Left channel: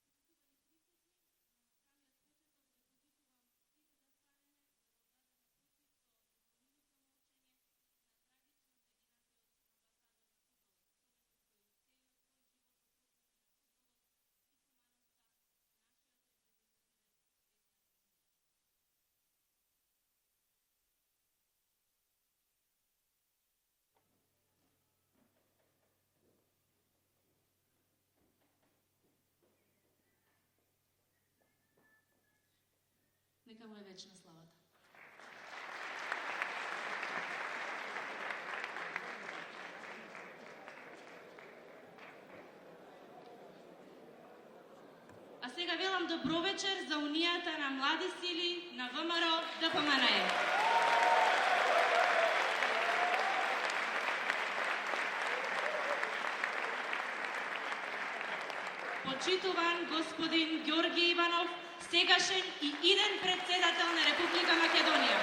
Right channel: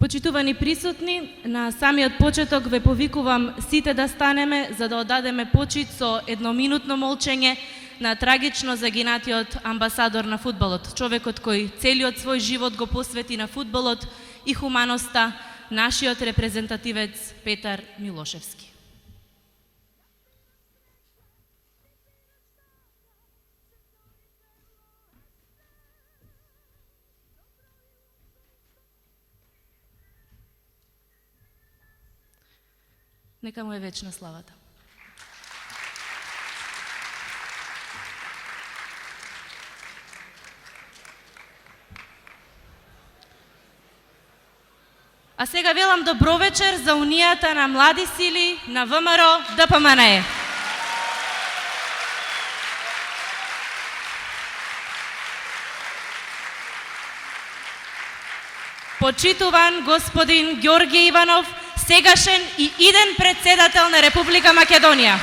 Почитувани присутни, на самиот почеток ве повикувам сите да станеме за да одадеме почит со едноминутно молчење на трагично загинатиот амбасадор на фудбалот, човекот кој целиот свој живот го посвети на фудбалот и хуманоста, нашиот репрезентативец Петар Милошевски. Нека му е вечна славата. А сега велам добро вечер за Унијата на млади сили на ВМРО ДПМНЕ. Почитуван господин Ѓорги Иванов, сегашен и иден председател на Република Македонија.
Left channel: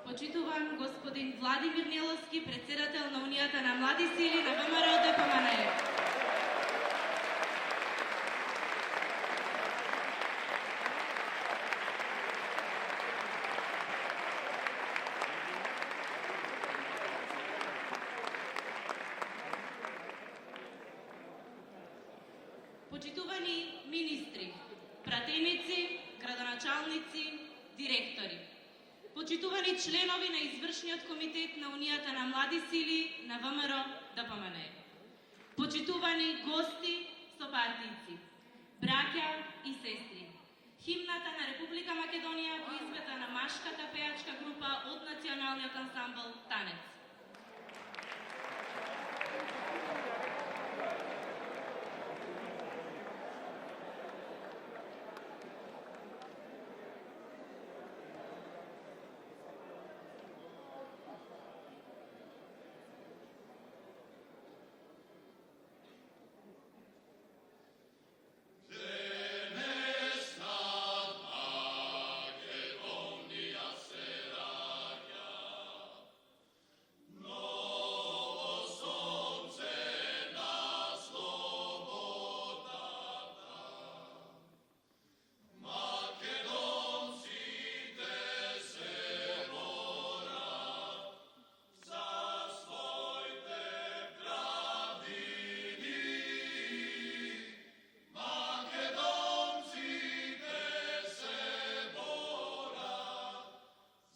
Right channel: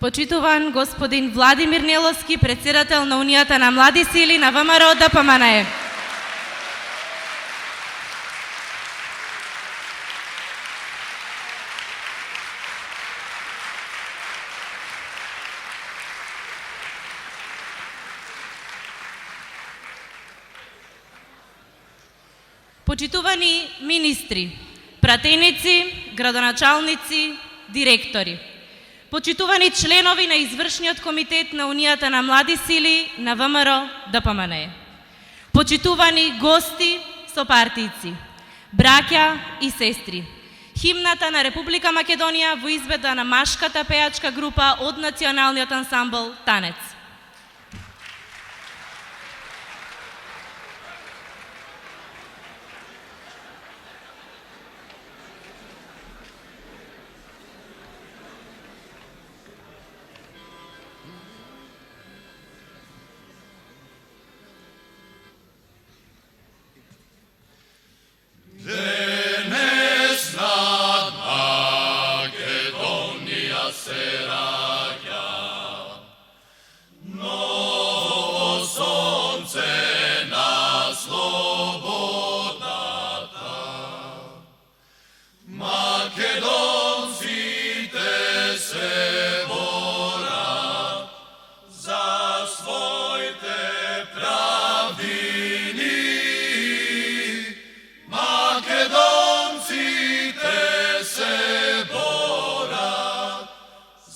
Почитуван господин Владимир Неловски, председател на Унијата на млади сили на ВМРО ДПМНЕ. Почитувани министри, пратеници, градоначалници, директори. Почитувани членови на извршниот комитет на Унијата на млади сили на ВМРО ДПМНЕ. Почитувани гости, сопартијци, браќа и сестри. Химната на Република Македонија во изведба на машката пејачка група од националниот ансамбл Танец.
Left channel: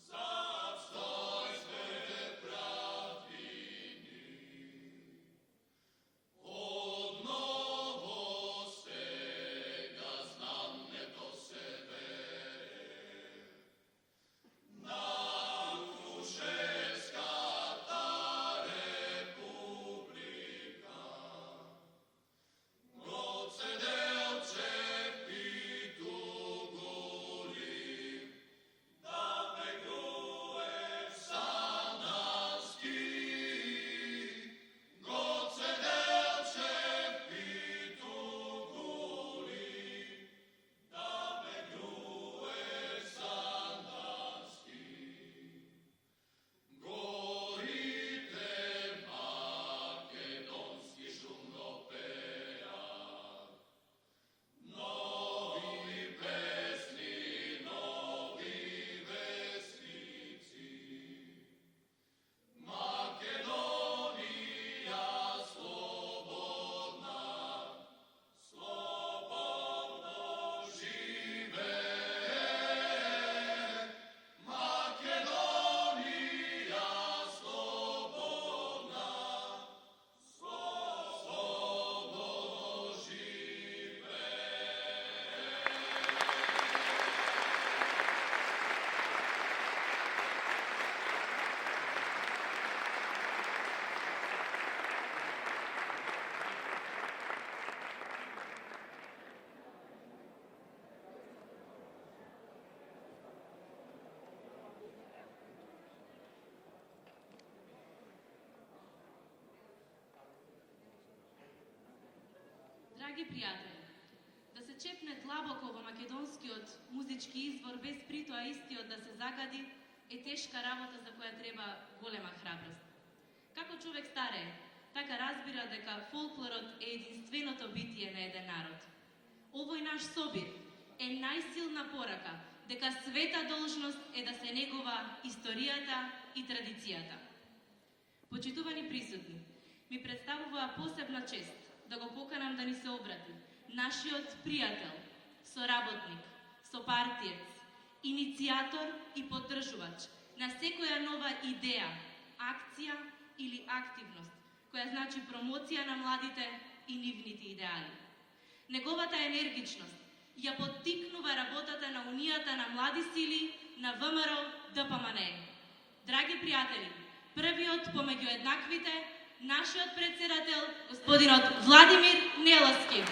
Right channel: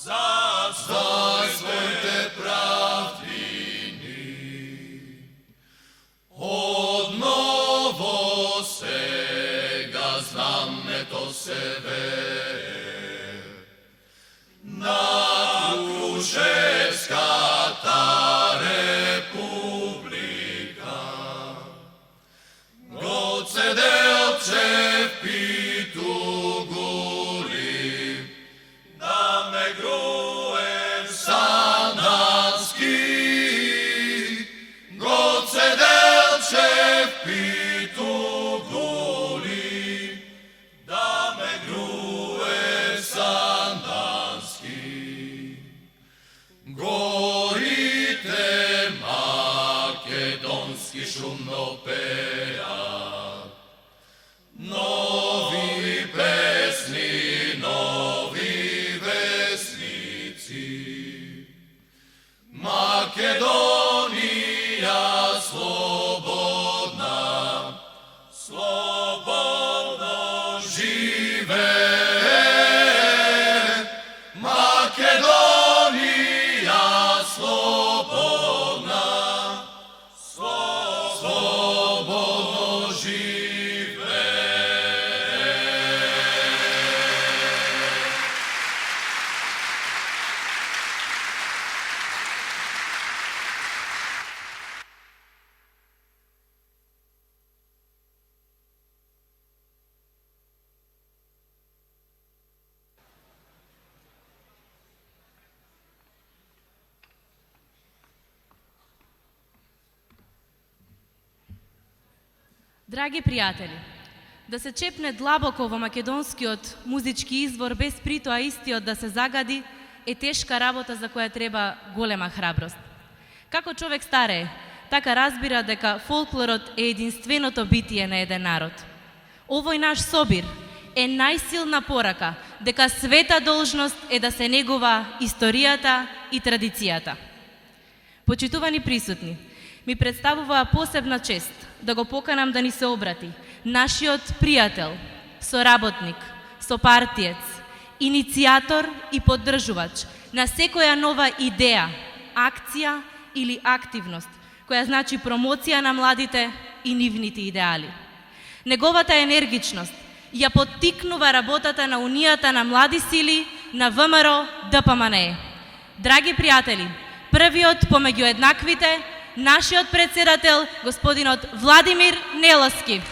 За Драги пријатели, да се чепне длабоко во македонскиот музички извор без притоа истиот да се загади е тешка работа за која треба голема храброст. Како човек старее, така разбира дека фолклорот е единственото битие на еден народ. Овој наш собир е најсилна порака дека света должност е да се негува историјата и традицијата. Почитувани присутни, ми представува посебна чест да го поканам да ни се обрати нашиот пријател, соработник, сопартиец, иницијатор и поддржувач на секоја нова идеја, акција или активност, која значи промоција на младите и нивните идеали. Неговата енергичност ја поттикнува работата на Унијата на млади сили на ВМРО ДПМНЕ. Драги пријатели, првиот помеѓу еднаквите, нашиот председател, господинот Владимир Неловски.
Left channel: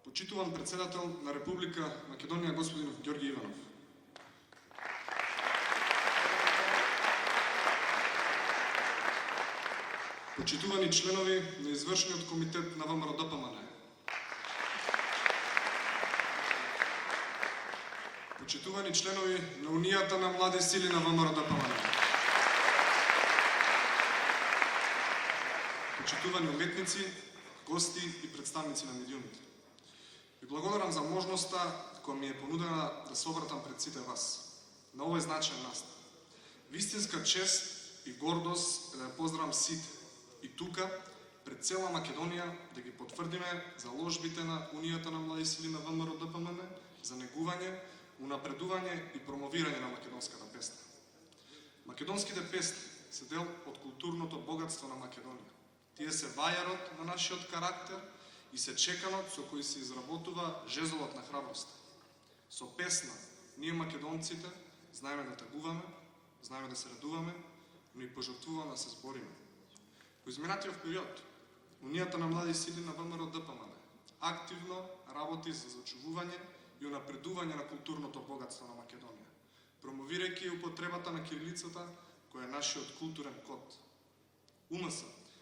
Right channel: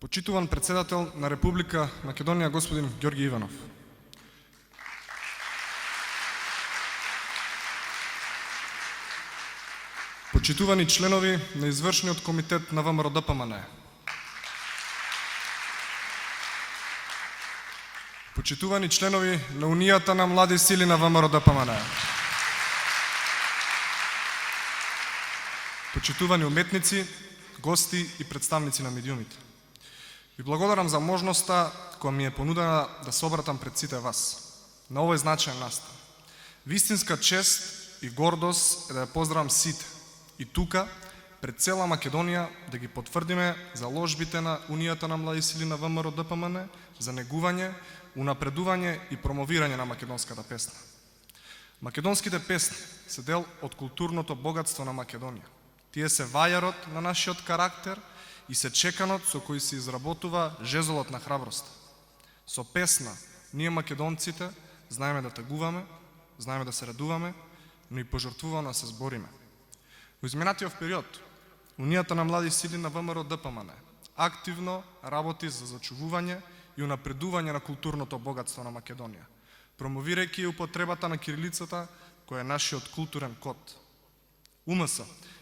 Почитуван председател на Република Македонија господин Ѓорги Иванов. Почитувани членови на извршниот комитет на ВМРО ДПМНЕ. Почитувани членови на Унијата на млади сили на ВМРО ДПМНЕ. Почитувани уметници, гости и представници на медиумите. Ви благодарам за можноста која ми е понудена да се обратам пред сите вас на овој значаен настан. Вистинска чест и гордост е да ја поздравам сите и тука пред цела Македонија да ги потврдиме заложбите на Унијата на млади сили на ВМРО ДПМНЕ за негување, унапредување и промовирање на македонската песна. Македонските песни се дел од културното богатство на Македонија. Тие се вајарот на нашиот карактер и се чеканот со кој се изработува жезлот на храброст. Со песна, ние македонците знаеме да тагуваме, знаеме да се радуваме, но и пожртвувано да се збориме. Во изминатиот период, Унијата на млади сили на ВМРО ДПМНЕ активно работи за зачувување и унапредување на културното богатство на Македонија, промовирајќи употребата на кирилицата, која е нашиот културен код. УМС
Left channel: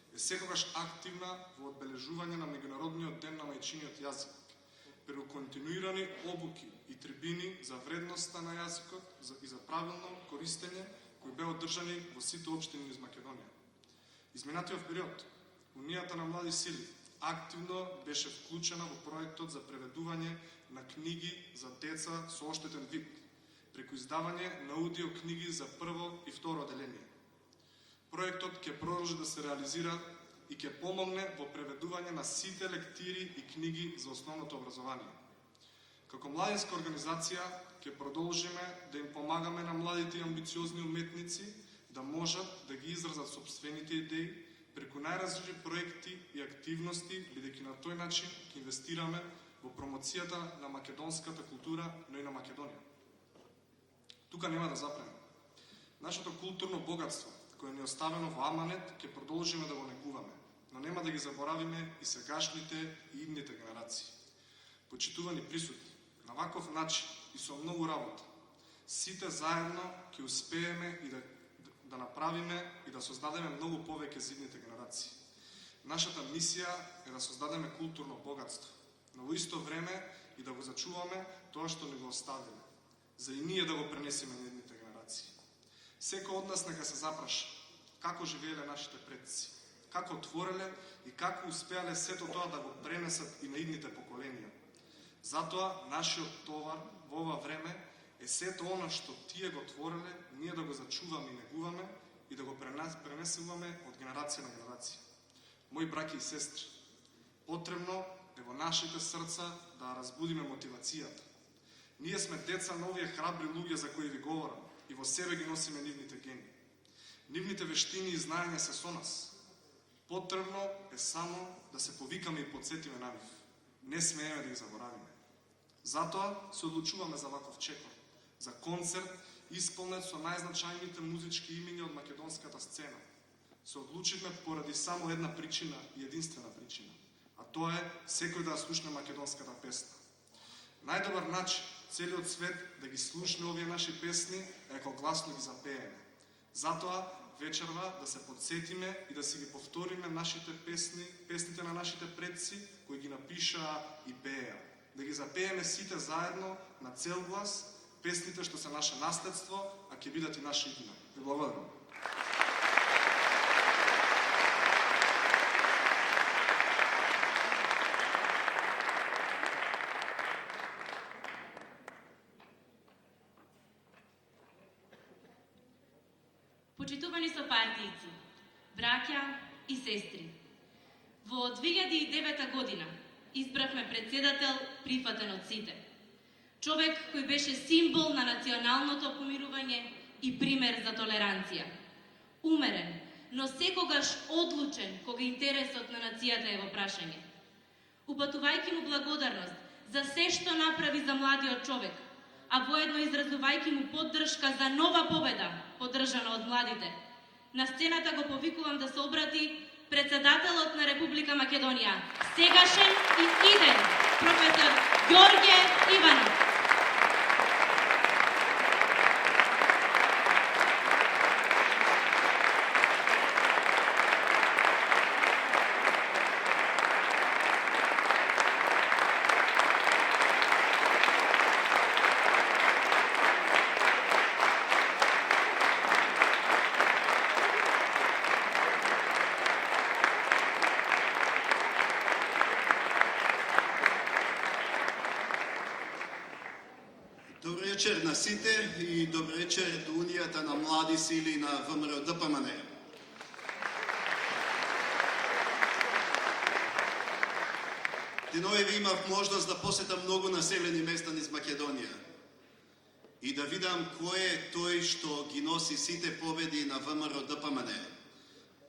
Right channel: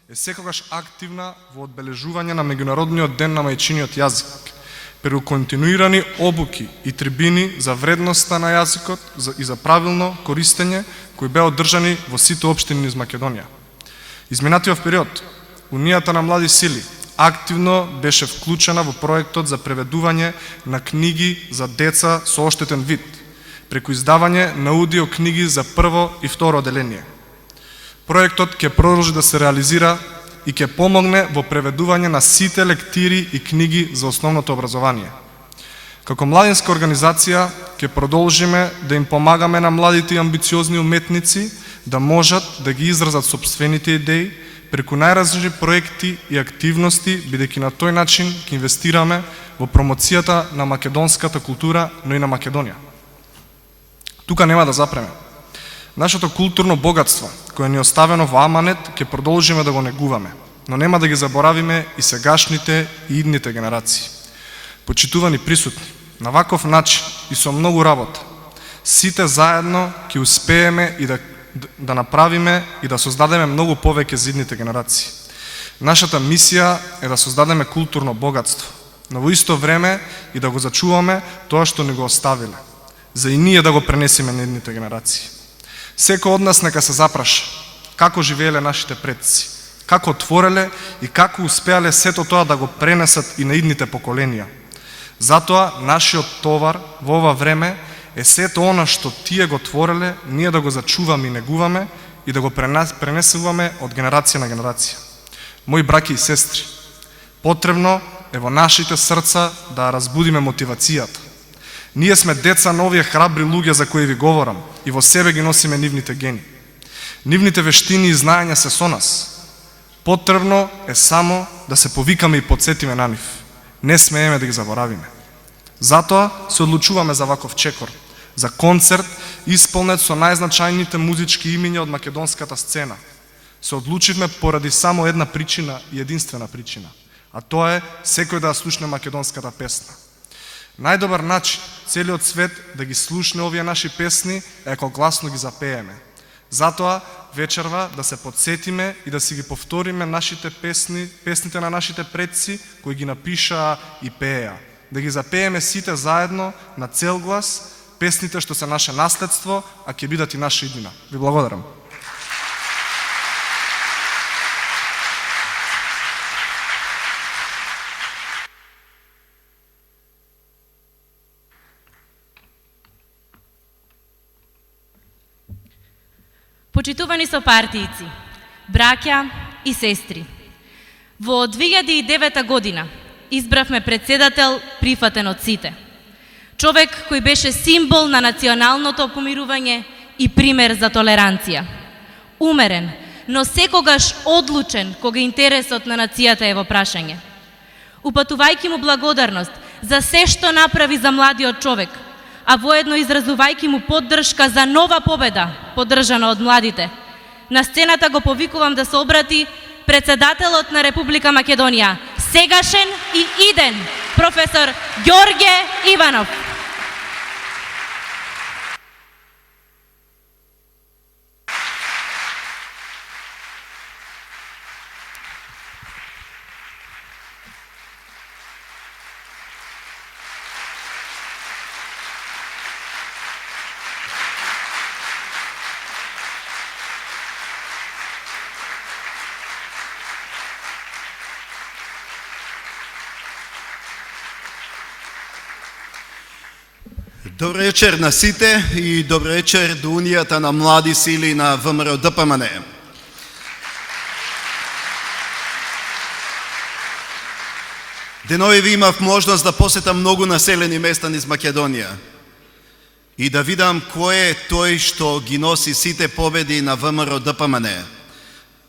е секогаш активна во одбележување на меѓународниот ден на мајчиниот јазик, преку континуирани обуки и трибини за вредноста на јазикот и за правилно користење кои беа одржани во сите општини низ Македонија. Изминатиот период, Унијата на млади сили активно беше вклучена во проектот за преведување на книги за деца со оштетен вид, преку издавање на аудио книги за прво и второ одделение. Проектот ќе продолжи да се реализира и ќе помогне во преведување на сите лектири и книги за основното образование. Како младинска организација ќе продолжиме да им помагаме на младите и амбициозни уметници да можат да ги изразат сопствените идеи преку најразлични проекти и активности, бидејќи на тој начин ќе инвестираме во промоцијата на македонската култура, но и на Македонија. Тука нема да запреме. Нашето културно богатство, кое ни е оставено во аманет, ќе продолжиме да го негуваме, но нема да ги заборавиме и сегашните и идните генерации. Почитувани присутни, на ваков начин и со многу работа, сите заедно ќе успееме и да направиме и да создадеме многу повеќе за идните генерации. Нашата мисија е да создадеме културно богатство, но во исто време и да го зачуваме тоа што ни го оставиле, за и ние да го пренесеме на идните генерации. Секој од нас нека се запраша како живееле нашите предци, како отвореле и како успеале сето тоа да го пренесат и на идните поколенија. Затоа нашиот товар во ова време е сето она што тие го твореле, ние да го зачуваме и негуваме и да го пренесуваме од генерација на генерација. Мои браќи и сестри, потребно е во нашите срца да разбудиме мотивацијата. Ние сме деца на овие храбри луѓе за кои ви говорам и во себе ги носиме нивните гени. Нивните вештини и знаења се со нас. Потребно е само да се повикаме и подсетиме на нив. Не смееме да ги заборавиме. Затоа се одлучуваме за ваков чекор, за концерт исполнет со најзначајните музички имиња од македонската сцена, Се одлучивме поради само една причина и единствена причина, а тоа е секој да слушне македонската песна. Најдобар начин целиот свет да ги слушне овие наши песни е ако гласно ги запееме. Затоа вечерва да се подсетиме и да си ги повториме нашите песни, песните на нашите предци кои ги напишаа и пееа. Да ги запееме сите заедно на цел глас песните што се наше наследство, а ќе бидат и наша иднина. Ви благодарам. Почитувани сопартијци, браќа и сестри, во 2009 година избравме председател прифатен од сите. Човек кој беше символ на националното помирување и пример за толеранција. Умерен, но секогаш одлучен кога интересот на нацијата е во прашање. Упатувајќи му благодарност за се што направи за младиот човек, а воедно изразувајќи му поддршка за нова победа, поддржана од младите. На сцената го повикувам да се обрати председателот на Република Македонија, сегашен и иден, професор Ѓорѓе Иванов. Добро вечер на сите и добро вечер до Унијата на млади сили на ВМРО ДПМН. Денови имав можност да посетам многу населени места низ Македонија и да видам кој е тој што ги носи сите победи на ВМРО ДПМН.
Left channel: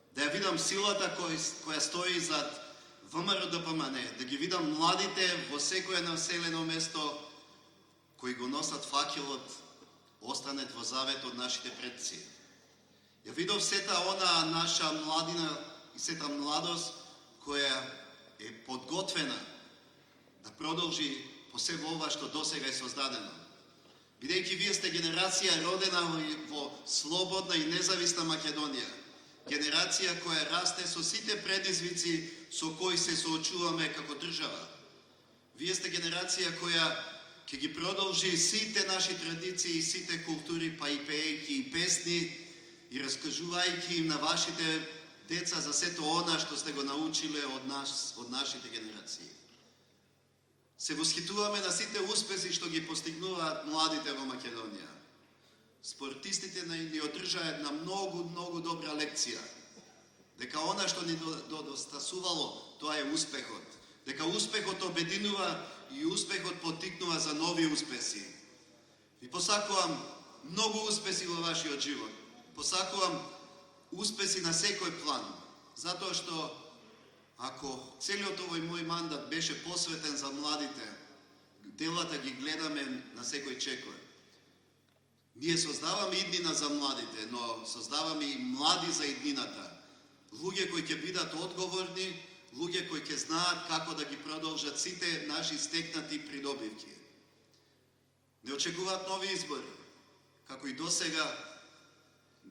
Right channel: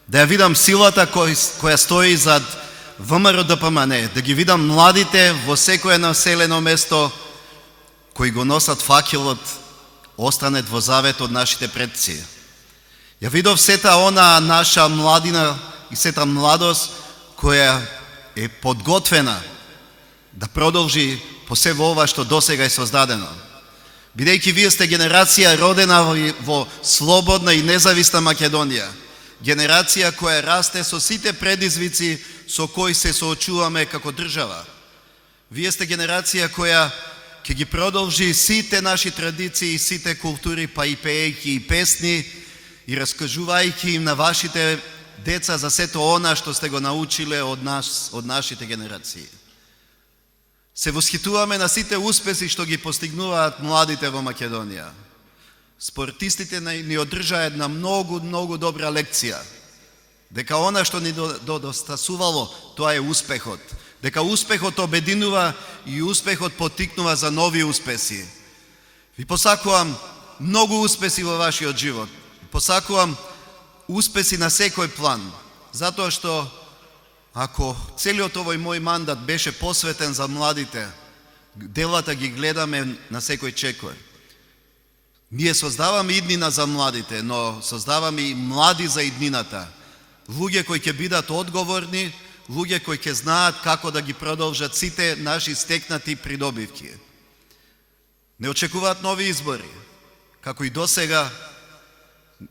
Да ја видам силата која стои зад ВМРО ДПМН, да ги видам младите во секое населено место кои го носат факелот останет во завет од нашите предци. Ја видов сета она наша младина и сета младост која е подготвена да продолжи по се во ова што досега е создадено. Бидејќи вие сте генерација родена во слободна и независна Македонија, генерација која расте со сите предизвици со кои се соочуваме како држава. Вие сте генерација која ќе ги продолжи сите наши традиции и сите култури, па и пеејќи и песни и раскажувајќи им на вашите деца за сето она што сте го научиле од нас, од нашите генерации. Се восхитуваме на сите успеси што ги постигнуваат младите во Македонија. Спортистите ни одржаа една многу добра лекција. Дека она што ни достасувало, тоа е успехот. Дека успехот обединува и успехот поттикнува за нови успеси. Ви посакувам многу успеси во вашиот живот. Посакувам успеси на секој план, затоа што ако целиот овој мој мандат беше посветен за младите, делата ги гледаме на секој чекор. Ние создаваме иднина за младите, но создаваме и млади за иднината. Луѓе кои ќе бидат одговорни, луѓе кои ќе знаат како да ги продолжат сите наши стекнати придобивки. Не очекуваат нови избори. Како и досега,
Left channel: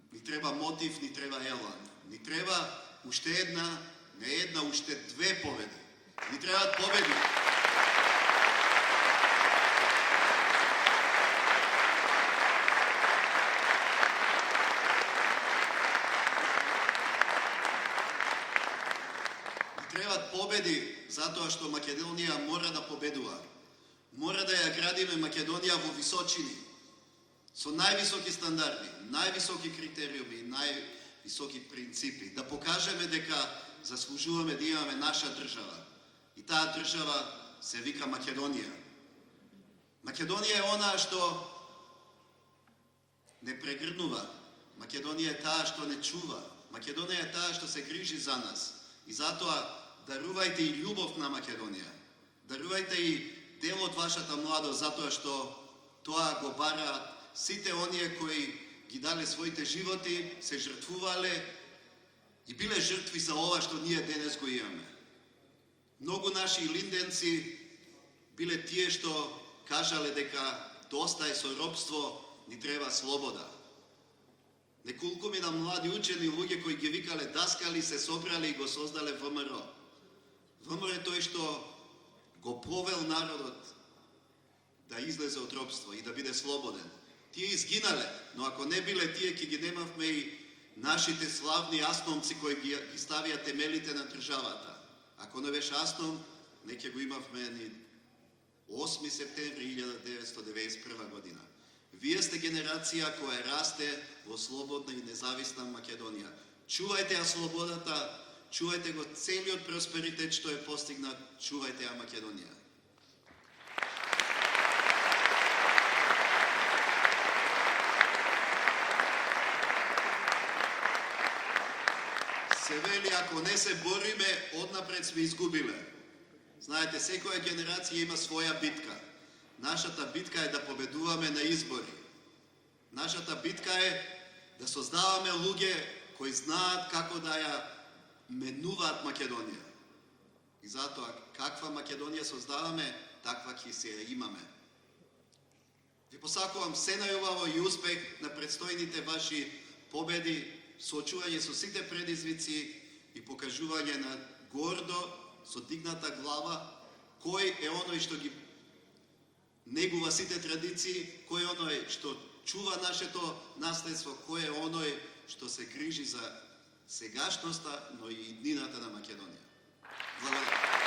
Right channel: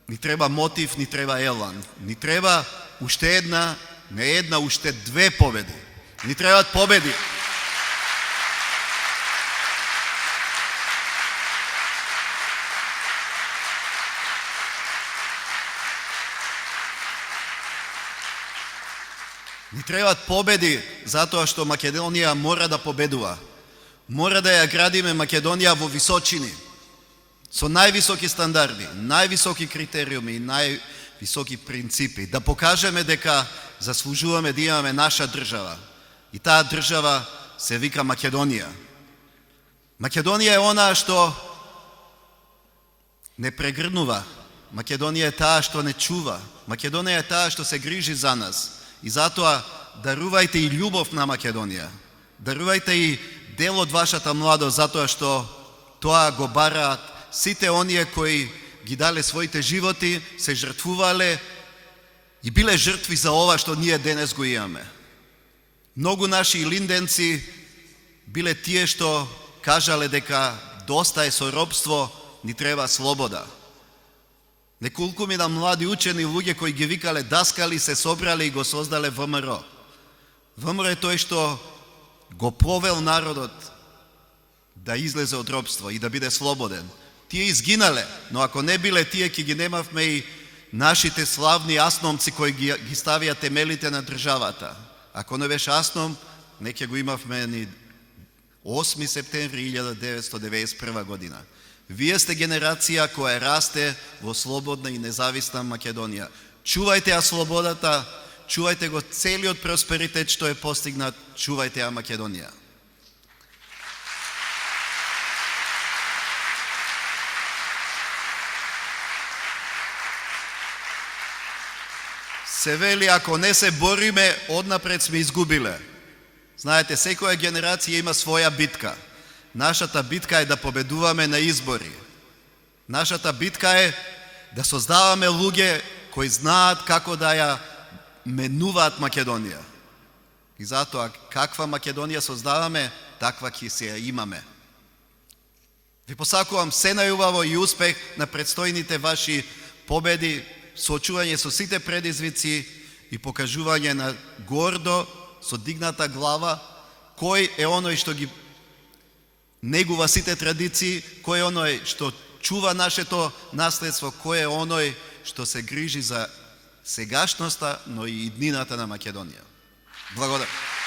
ни треба мотив, ни треба елан. Ни треба уште една, не една, уште две победи. Ни требаат победи. Ни требаат победи затоа што Македонија мора да победува. Мора да ја градиме Македонија во височини, со највисоки стандарди, највисоки критериуми и највисоки принципи. Да покажеме дека заслужуваме да имаме наша држава. И таа држава се вика Македонија. Македонија е она што не прегрнува. Македонија е таа што не чува. Македонија е таа што се грижи за нас. И затоа дарувајте и љубов на Македонија. Дарувајте и дел од вашата младост, затоа што тоа го бараат сите оние кои ги дале своите животи, се жртвувале и биле жртви за ова што ние денес го имаме. Многу наши линденци биле тие што кажале дека доста е со робство, ни треба слобода. Неколку мина млади учени луѓе кои ги викале даскали се собрале и го создале ВМРО. ВМРО е тој што го повел народот да излезе од робство и да биде слободен. Тие изгинале, но ако не биле тие, ќе ги немавме и нашите славни асномци кои ги ставија темелите на државата. Ако не беше Асном, не ќе го имавме ни 8 септември 1991 година. Вие сте генерација која расте во слободна и независна Македонија. Чувајте ја слободата, чувајте го целиот просперитет што е постигнат, чувајте ја Македонија. Се вели, ако не се бориме, однапред сме изгубиле. Знаете, секоја генерација има своја битка. Нашата битка е да победуваме на избори. Нашата битка е да создаваме луѓе кои знаат како да ја менуваат Македонија. И затоа, каква Македонија создаваме, таква ќе се ја имаме. Ви посакувам се најубаво и успех на предстојните ваши победи, соочување со сите предизвици и покажување на гордо, со дигната глава, кој е оној што ги негува сите традиции, кој е оној што чува нашето наследство, кој е оној што се грижи за сегашноста, но и иднината на Македонија. Благодарам.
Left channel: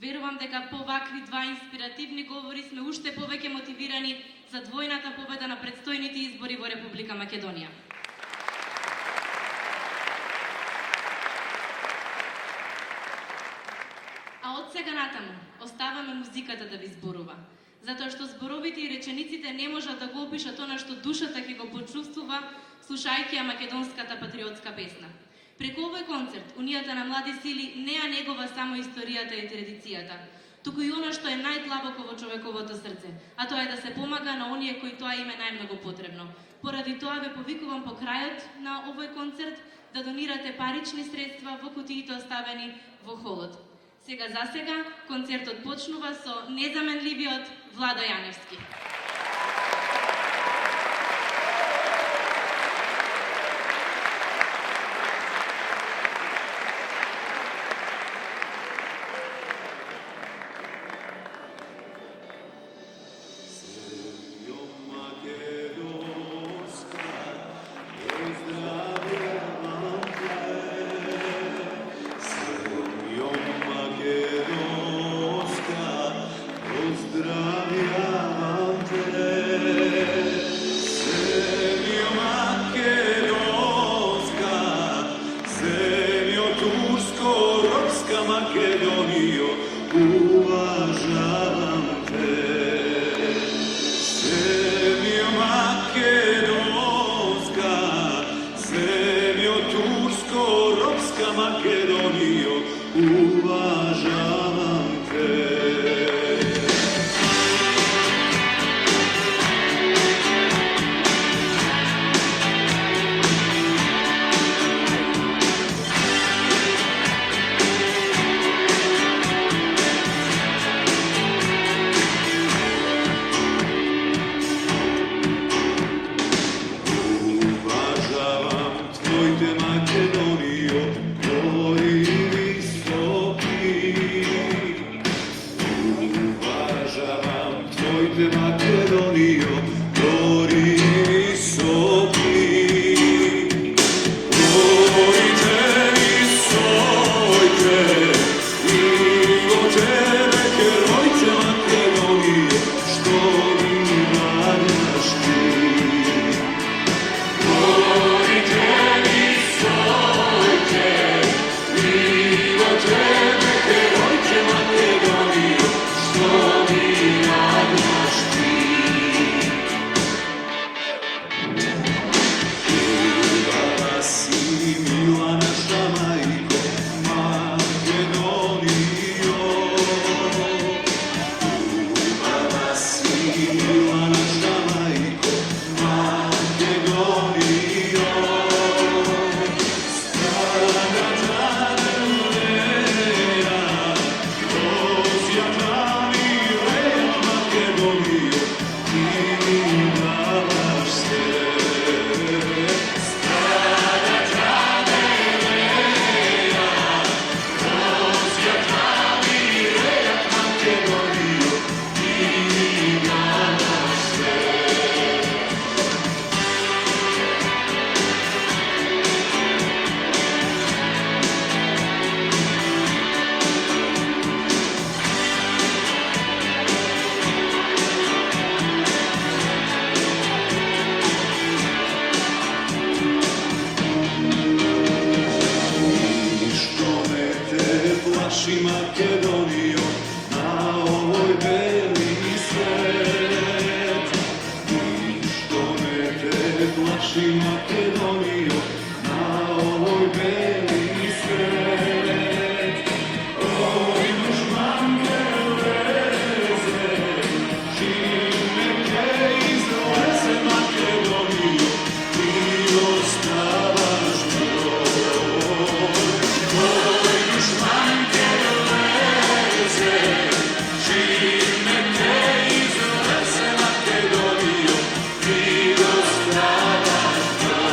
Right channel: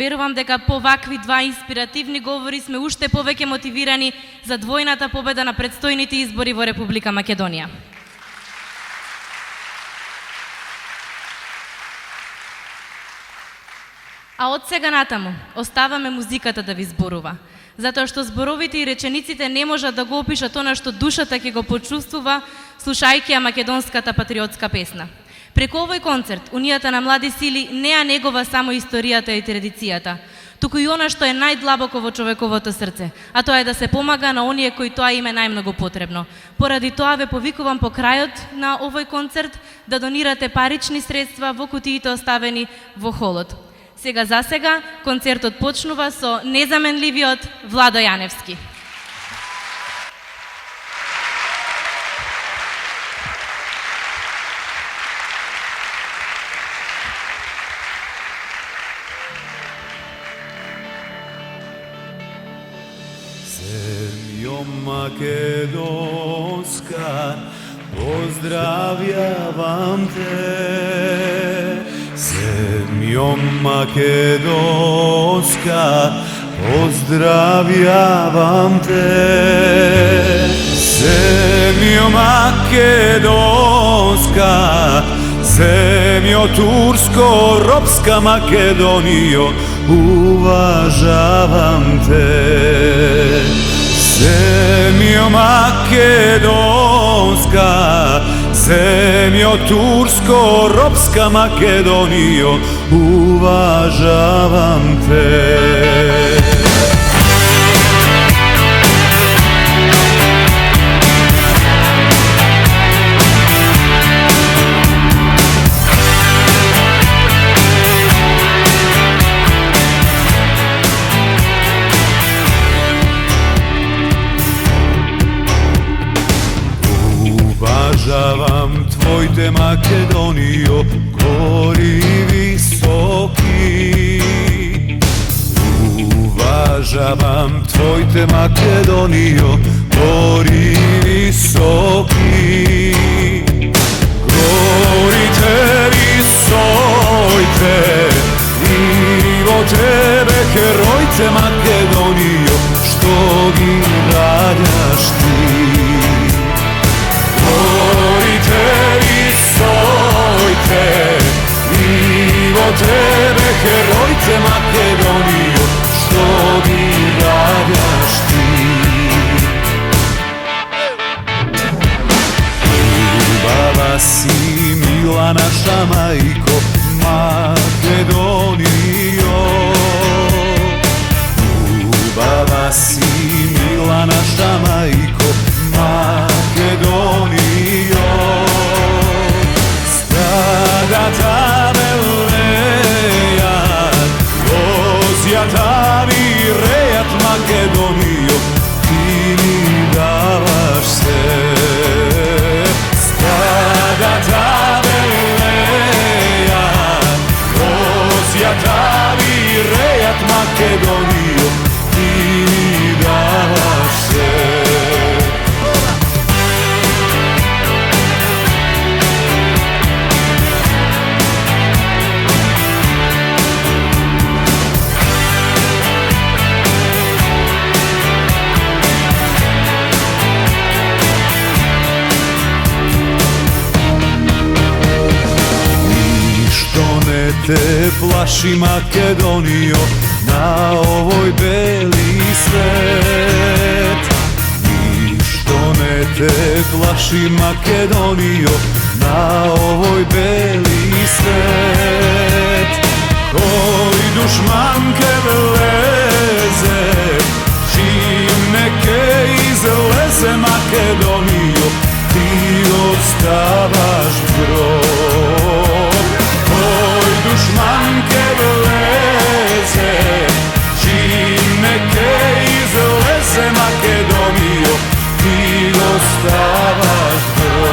Верувам дека по вакви два инспиративни говори сме уште повеќе мотивирани за двојната победа на предстојните избори во Република Македонија. А од сега натаму оставаме музиката да ви зборува, затоа што зборовите и речениците не можат да го опишат она што душата ќе го почувствува слушајќи ја македонската патриотска песна. Преку овој концерт, Унијата на млади сили не ја негова само историјата и традицијата, туку и она што е најдлабоко во човековото срце, а тоа е да се помага на оние кои тоа им е најмногу потребно. Поради тоа ве повикувам по крајот на овој концерт да донирате парични средства во кутиите оставени во холот. За сега, концертот почнува со незаменливиот Владо Јаневски. Македонска, поздравјавам те. Земјо Македонска, поздравјавам те. Земјо Македонска, земјо турско-робска Македонијо, уважавам те. Земјо Македонска, земјо турско-робска Македонијо, уважавам те. Уважавам твоите Македонијо, гори високи. te plaši Makedonijo, na ovoj beli svet. Ništo ne te plaši Makedonijo, na ovoj beli svet. Koji dušmanke vleze, čim neke izleze Makedonijo, ti ostavaš brod. Koji dušmanke vleze, čim neke izleze Makedonijo, ti ostavaš brod.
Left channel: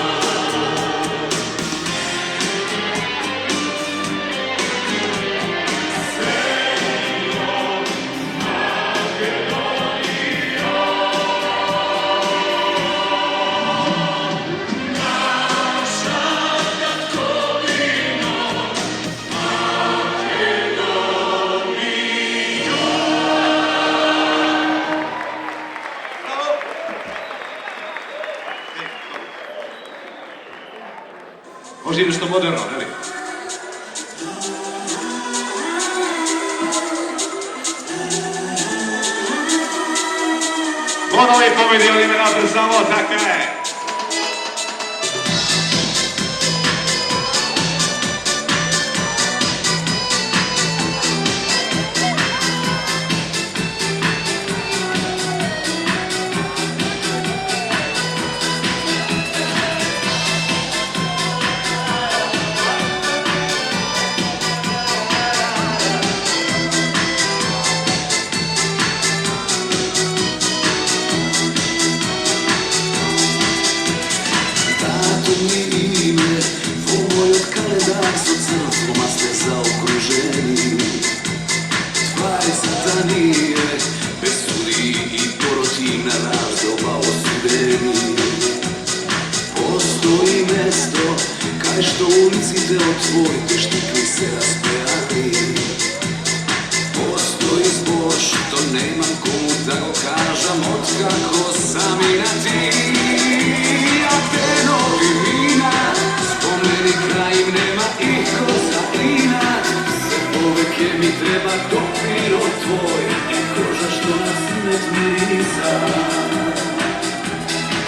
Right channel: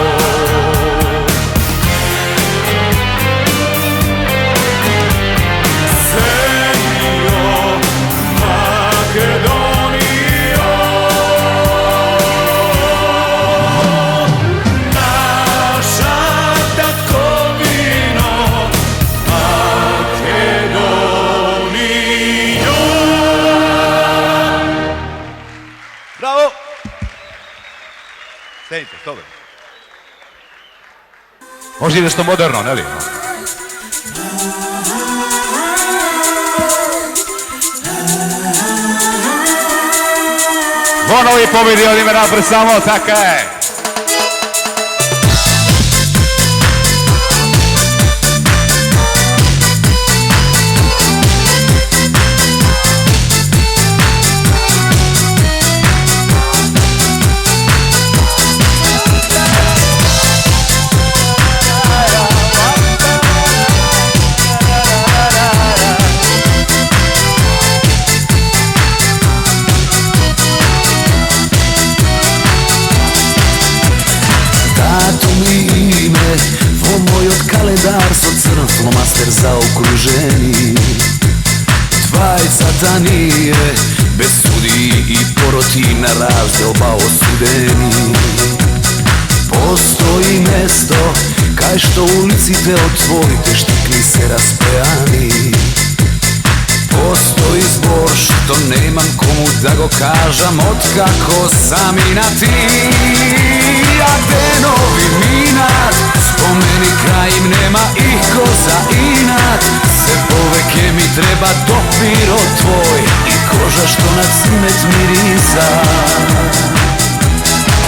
Može nešto moderno, ne li? Vonovi pobedili me napred samo, tako je. Flomaster za okruženje, 20 danije, bez sudi i poroti na razdoba osudeni. Postoji mesto, kaj što ulici te otvorite, štikli se raspejani. Postoji zbor što nemam komu da go kažem, otkako sam i na ti. A denovi minat, spomeni kraj im nema iko za inat. Se poveke mi treba dopiro tvoj i koža što na cimet mirisa.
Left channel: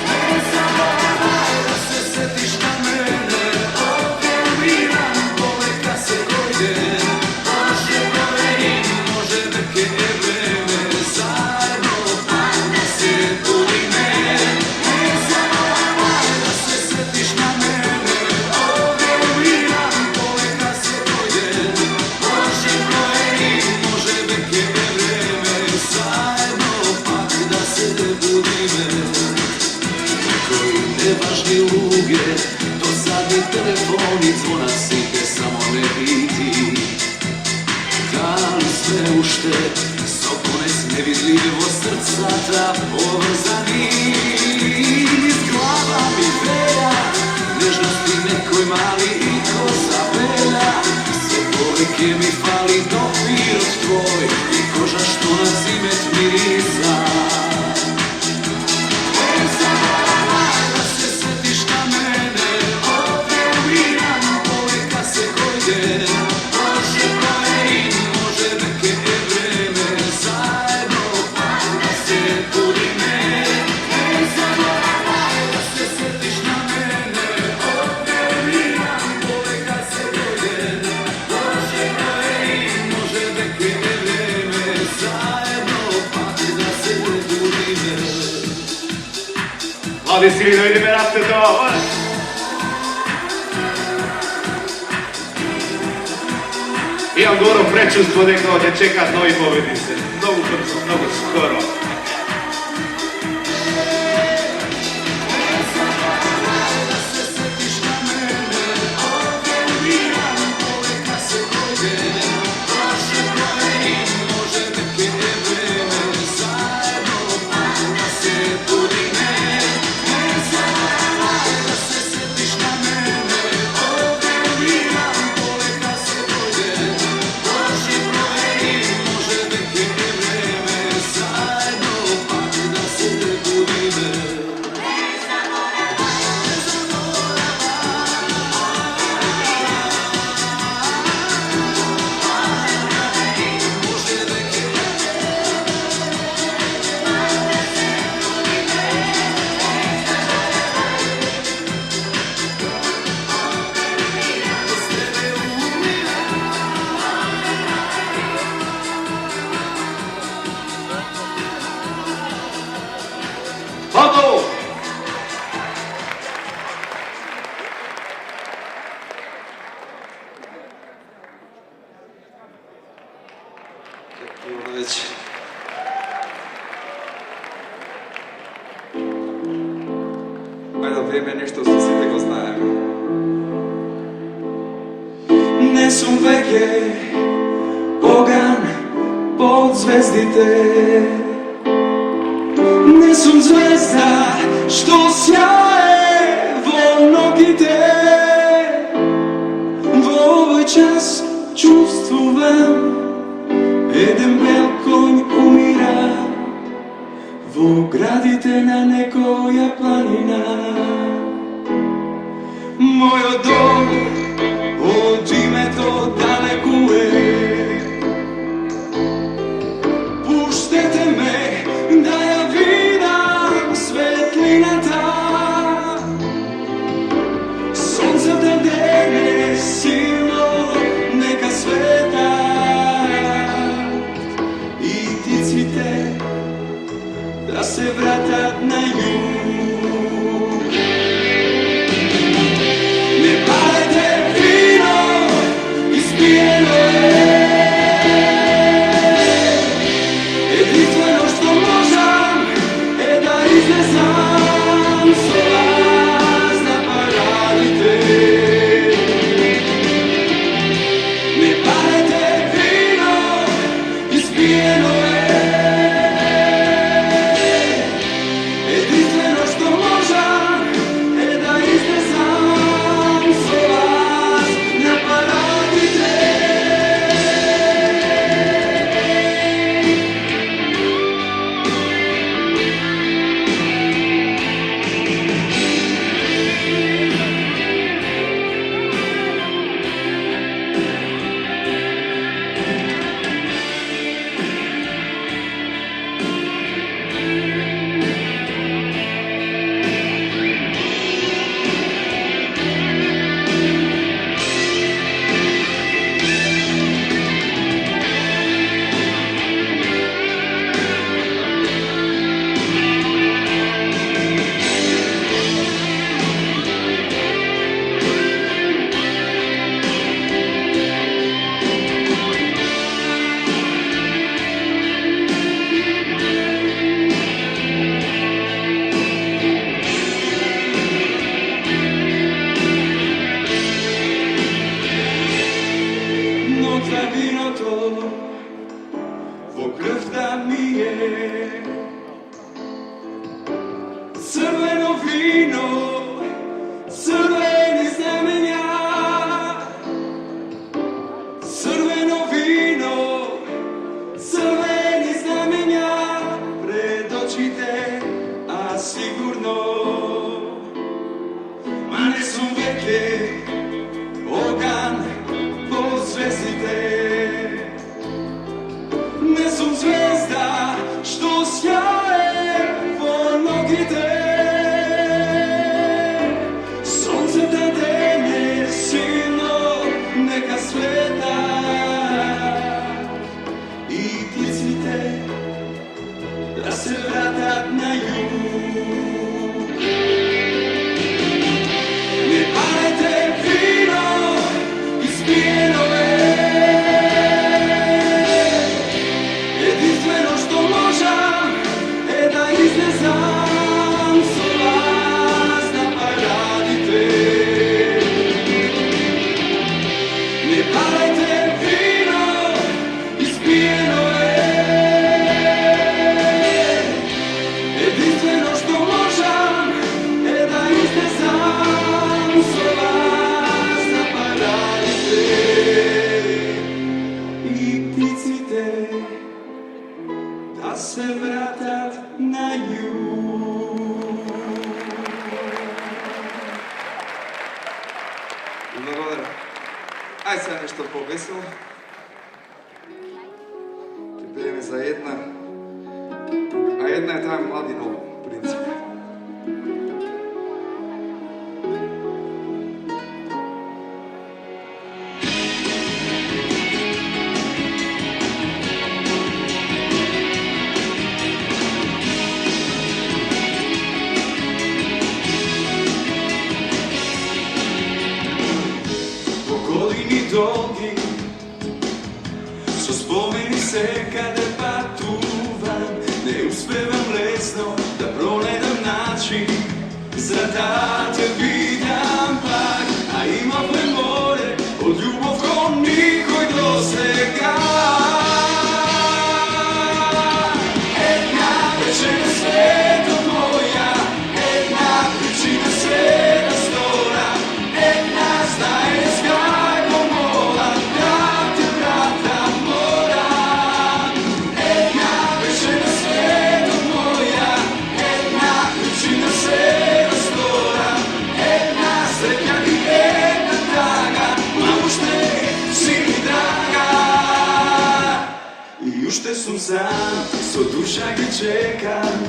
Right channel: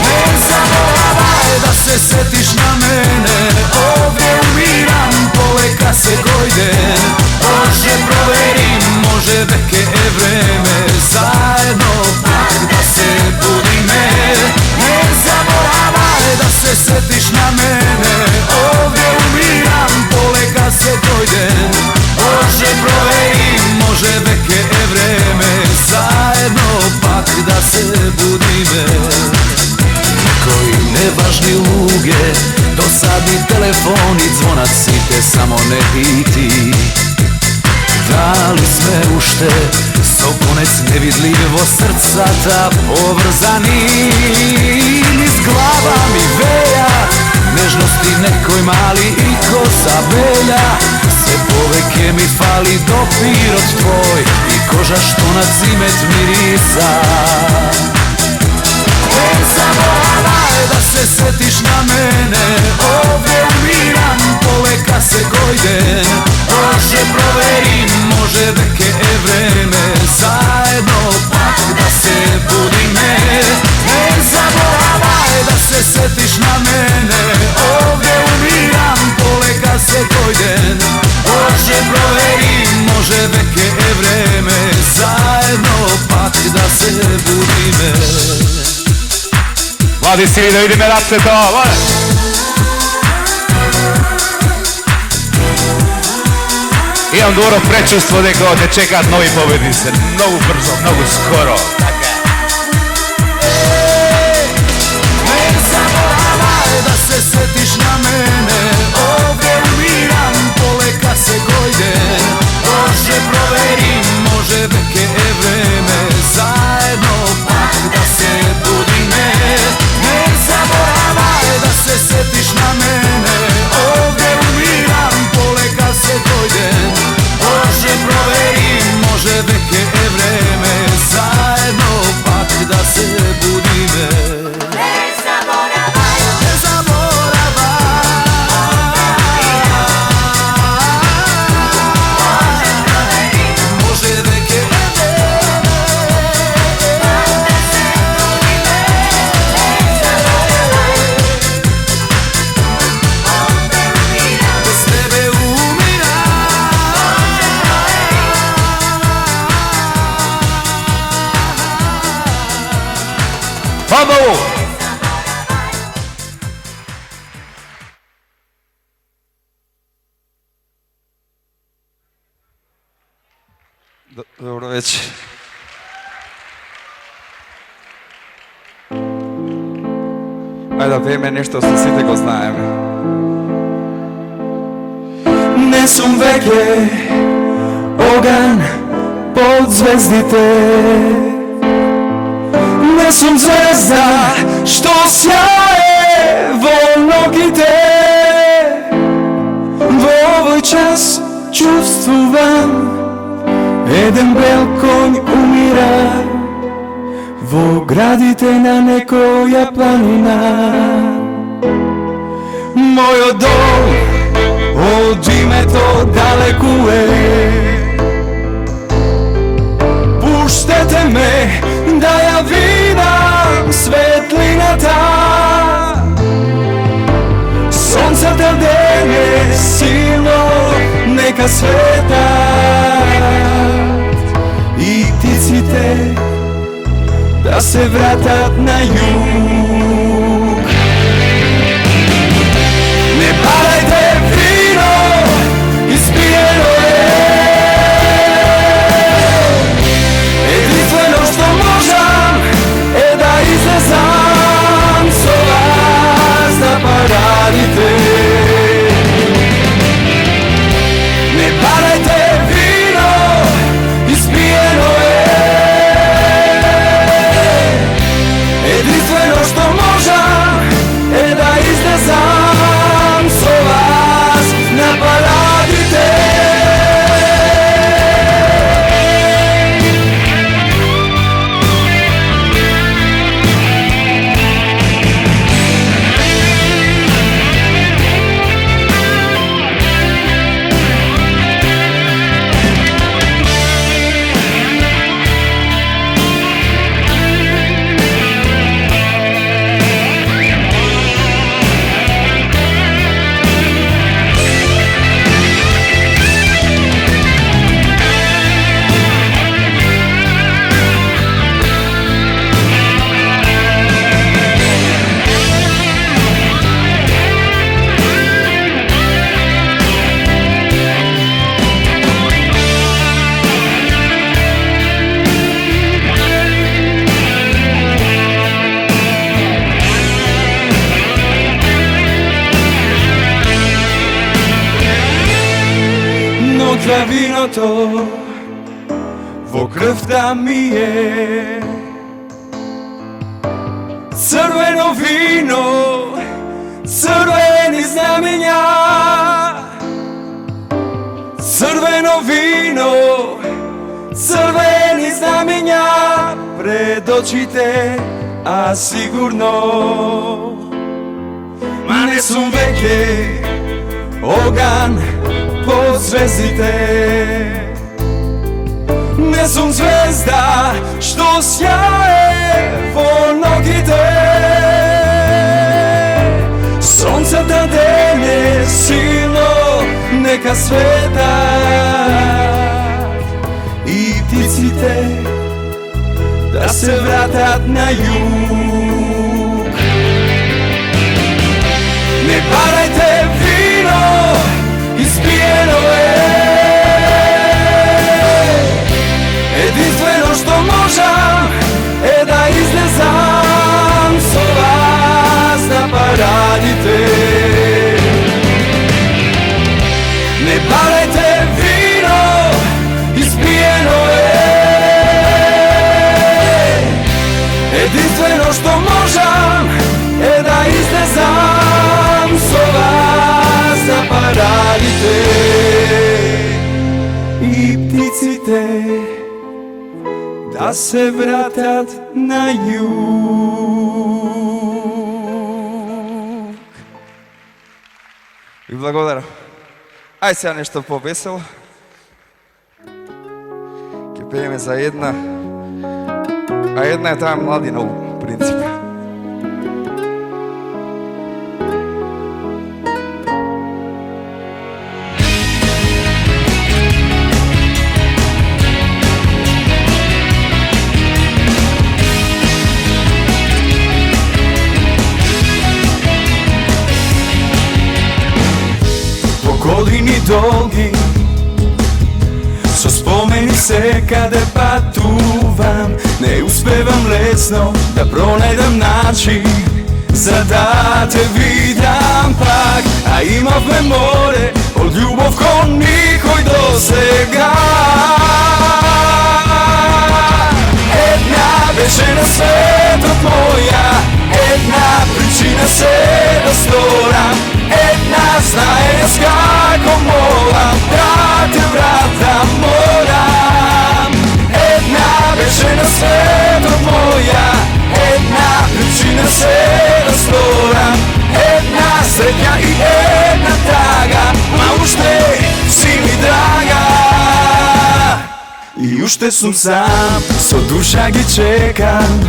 Ne zaboravaj da se setiš na mene, ovdje umiram poleka se gojden. Može proverim, može veke je vreme, zajedno da se budime. Ne zaboravaj da se setiš na mene, ovdje umiram poleka se gojden. Može proverim, može veke je vreme, zajedno pak da se budime. Koji nevažni luge, dosadni telefoni, zvonac si te samo ne biti. Dali sme ušte, sokonec nevidljivo srca ta povrzani. Iz glava mi veja, nežnosti nekoj mali i kosa belja. Se poveke mi fali dopir od tvoj i koža što na cimet mirisa. Ne zaboravaj da se setiš na mene, ovdje umiram poveka se gojden. Može proverim, može veke je vreme, zajedno pak da se budime. Ne zaboravaj da se setiš na mene, ovdje umiram poleka se gojden. Može proverim, može veke je vreme, zajedno pak da se budime. Mladi svi da vidime da se to, može! Imam dobro prečustvo da ovdje čekat novi pobednice, mnogo brzo, mnogo skoro. Ne zaboravaj da se setiš na mene, ovdje umiram poleka se gojden. Može proverim, može veke je vreme, zajedno pak da se budime. Ne zaboravaj da se setiš na mene, ovdje umiram poleka se gojden. Može proverim, može veke je vreme, zajedno Dobro večer. Ajde da pijeme nešto što svi го знаeme. Не сум веќе оган под звездите. Не сум звезда што сјае во ногите. Во овој час чувствувам еден бел конј умира во градите на некоја планина. Мојот дом од името далеку е. Пуштете ме да ја видам светлината. Сонцата дене силно нека светат и птиците да се вратат на југ. Не палете вино, изпиено е. Единствено што можам е да излезам со вас на парадите. Не палете вино, изпиено е. Единствено што можам е да излезам со вас на парадите. Ноќа виното во крвта ми е. Црвено вино, црвени знамења. Црвено вино, црвени знамења пред очите, а сигурно. Ма не сум веќе оган под звездите. Не сум звезда што сјае во ногите. Сонцата дене силно нека светат и птиците да се вратат на југ. Не парајте вино, изпиено е. Единствено што можам е да излезам со вас на парадите. Не парајте вино, изпиено е. Единствено што можам е да излезам со вас на парадите. И птиците да се вратат на југ. Благодарам. Ај сега нешто повесело. Ке пееме за една. А една е таа младина, у принцип. Години долги со спомени se kada patuvam, ne uspevam lesno da pronajdem način za da te vidam pak. A imavме more od ljubov ko nikoj do сега. Една беше на светот моја, една причина се да сторам, една знаеш како молам да те вратам морам. Една беше на светот моја, една причина се да сторам, една среќа и една тага, ма уште си ми драга. И уште сум сам, со душа ги чекам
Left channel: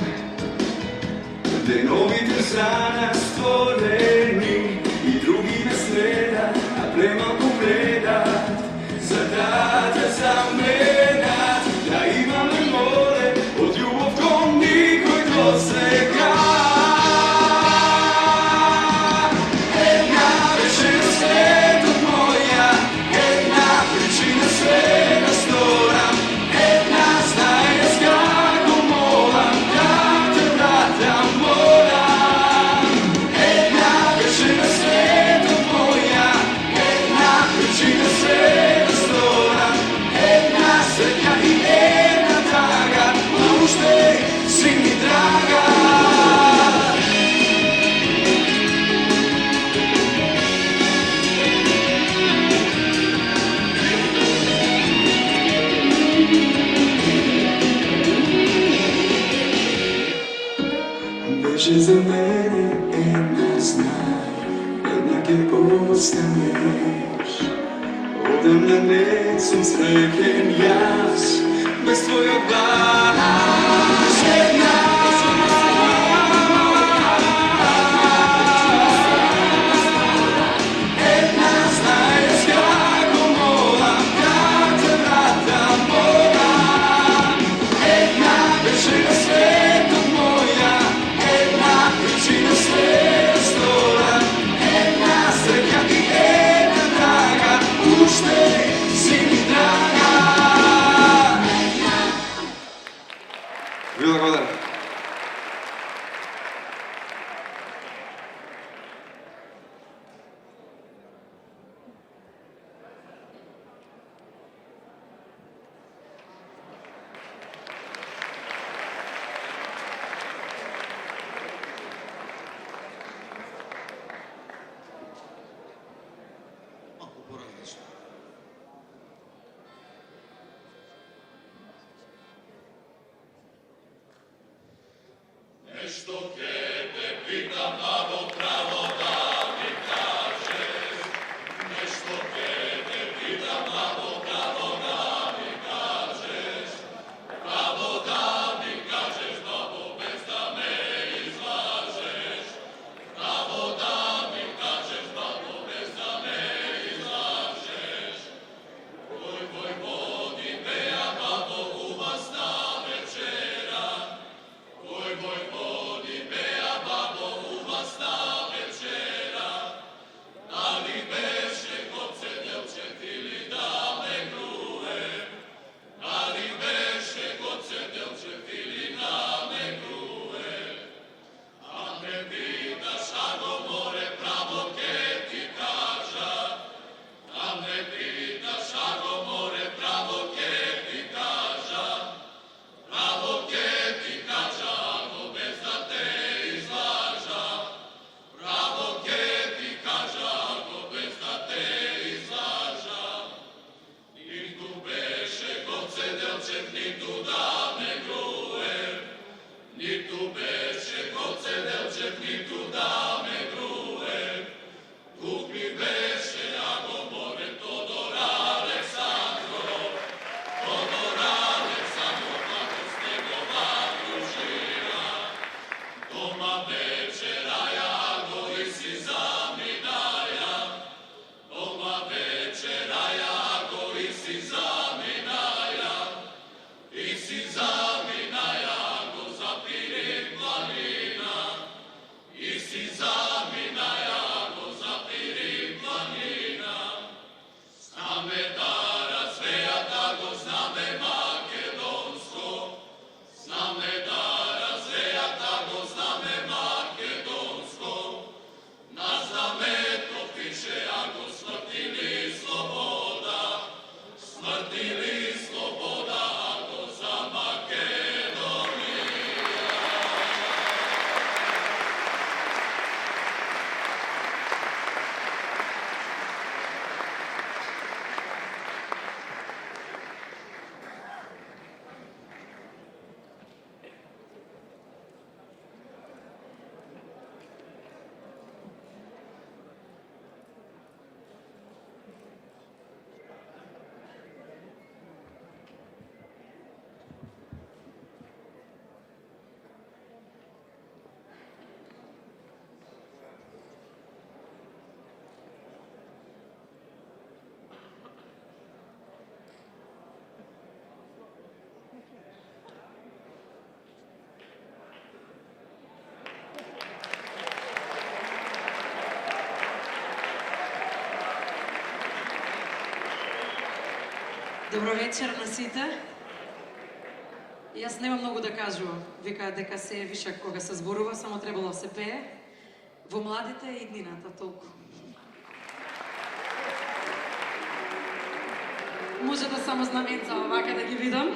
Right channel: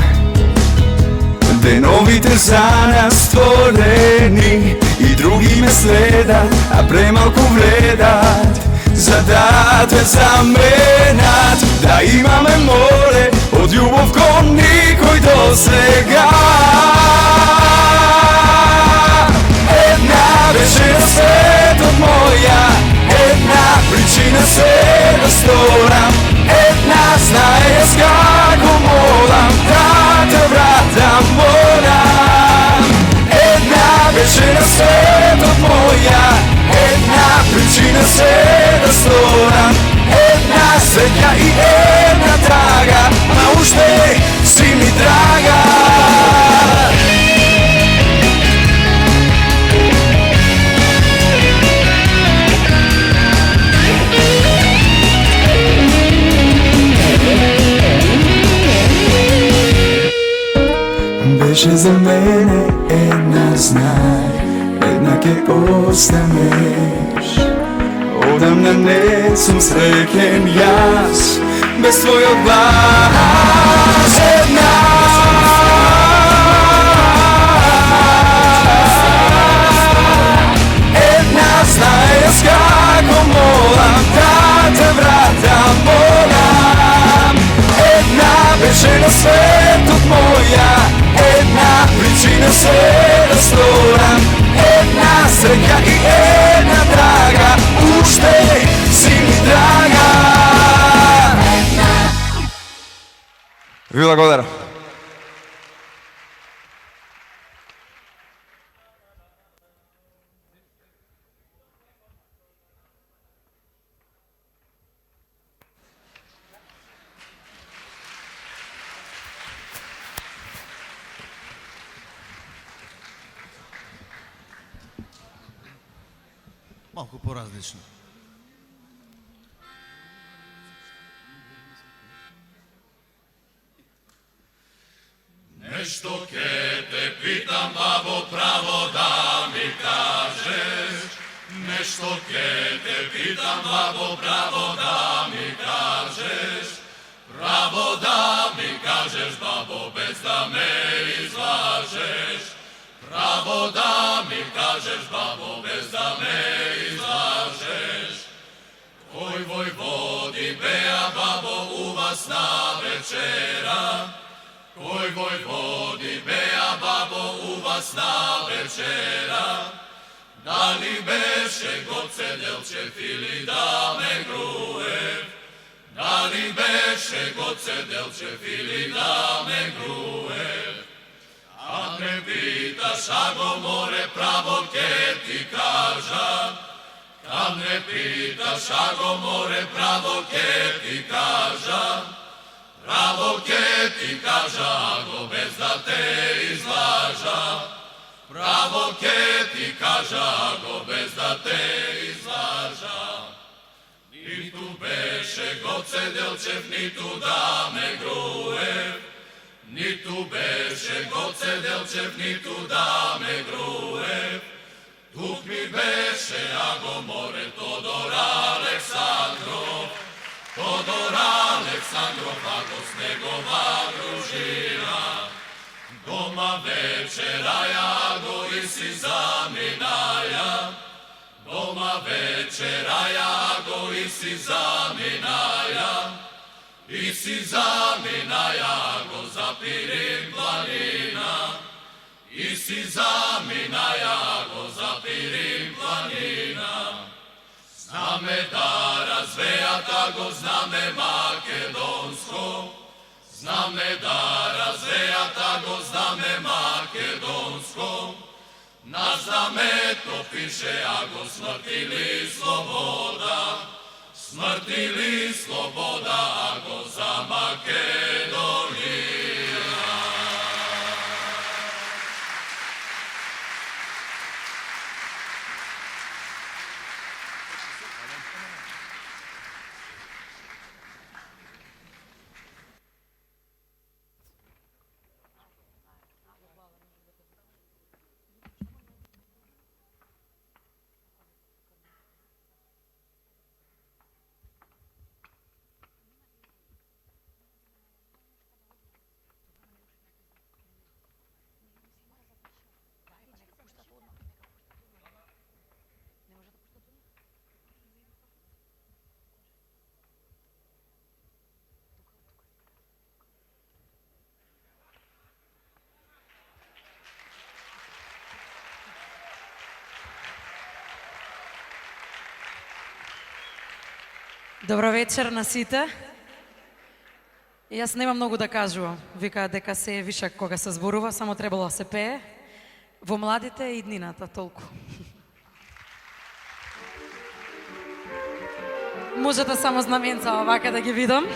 деновите за нас створени. И други ме следат, а премалку вредат за да те заменат. Да имаме море од љубов кон никој до сега. Една беше на светот моја, една причина се да сторам, една знаеш како молам да те вратам морам. Една беше на светот моја, една причина се да сторам, една среќа и една тага, ма уште си ми драга. Беше за мене една, знай, една ке останеш. Одамна не сум среќен јас без твојот глас. Една знаеш како молам да те вратам морам. Една беше на светот моја, една причина се да сторам, една среќа и една тага, уште си ми драга. Ви благодарам. Малку поразлично. Нешто ке те питам, бабо, право да ми кажеш. Нешто ке те питам, бабо, право да ми кажеш. Право да ми кажеш, бабо, без да ме излажеш. Право да ми кажеш, бабо, без да ме излажеш. Кој војводи беа, бабо, у вас на вечера. Кој војводи беа, бабо, у вас на вечера. Дали беше Гоце Делчев или Даме Груев? Дали беше Гоце Делчев или Даме Груев? А ме питаш, ако море право ке ти кажа. А ме питаш, ако море право ке ти кажа. Право ке ти кажа, ако без да те излажа. Право ке ти кажа, ако без да те излажа. Ниту беше Гоце Делчев, ниту Даме Груев. Ниту беше Гоце Делчев, ниту Даме Груев. Тук ми беше, ако море, Тодор Александров. Тодор Александров, ако с негова дружина. Дома вечераја, го и си заминаја. Дома вечераја, го и си заминаја. И си заминаја, го запирим планина. И си заминаја, го запирим планина. Знаме да развејата, го знаме ма Добро вечер на сите. Јас нема многу да кажувам. Викаат дека се е вишак кога се зборува, само требало да се пее. Во младите и днината толку. Можете само знаменца овака да ги видам.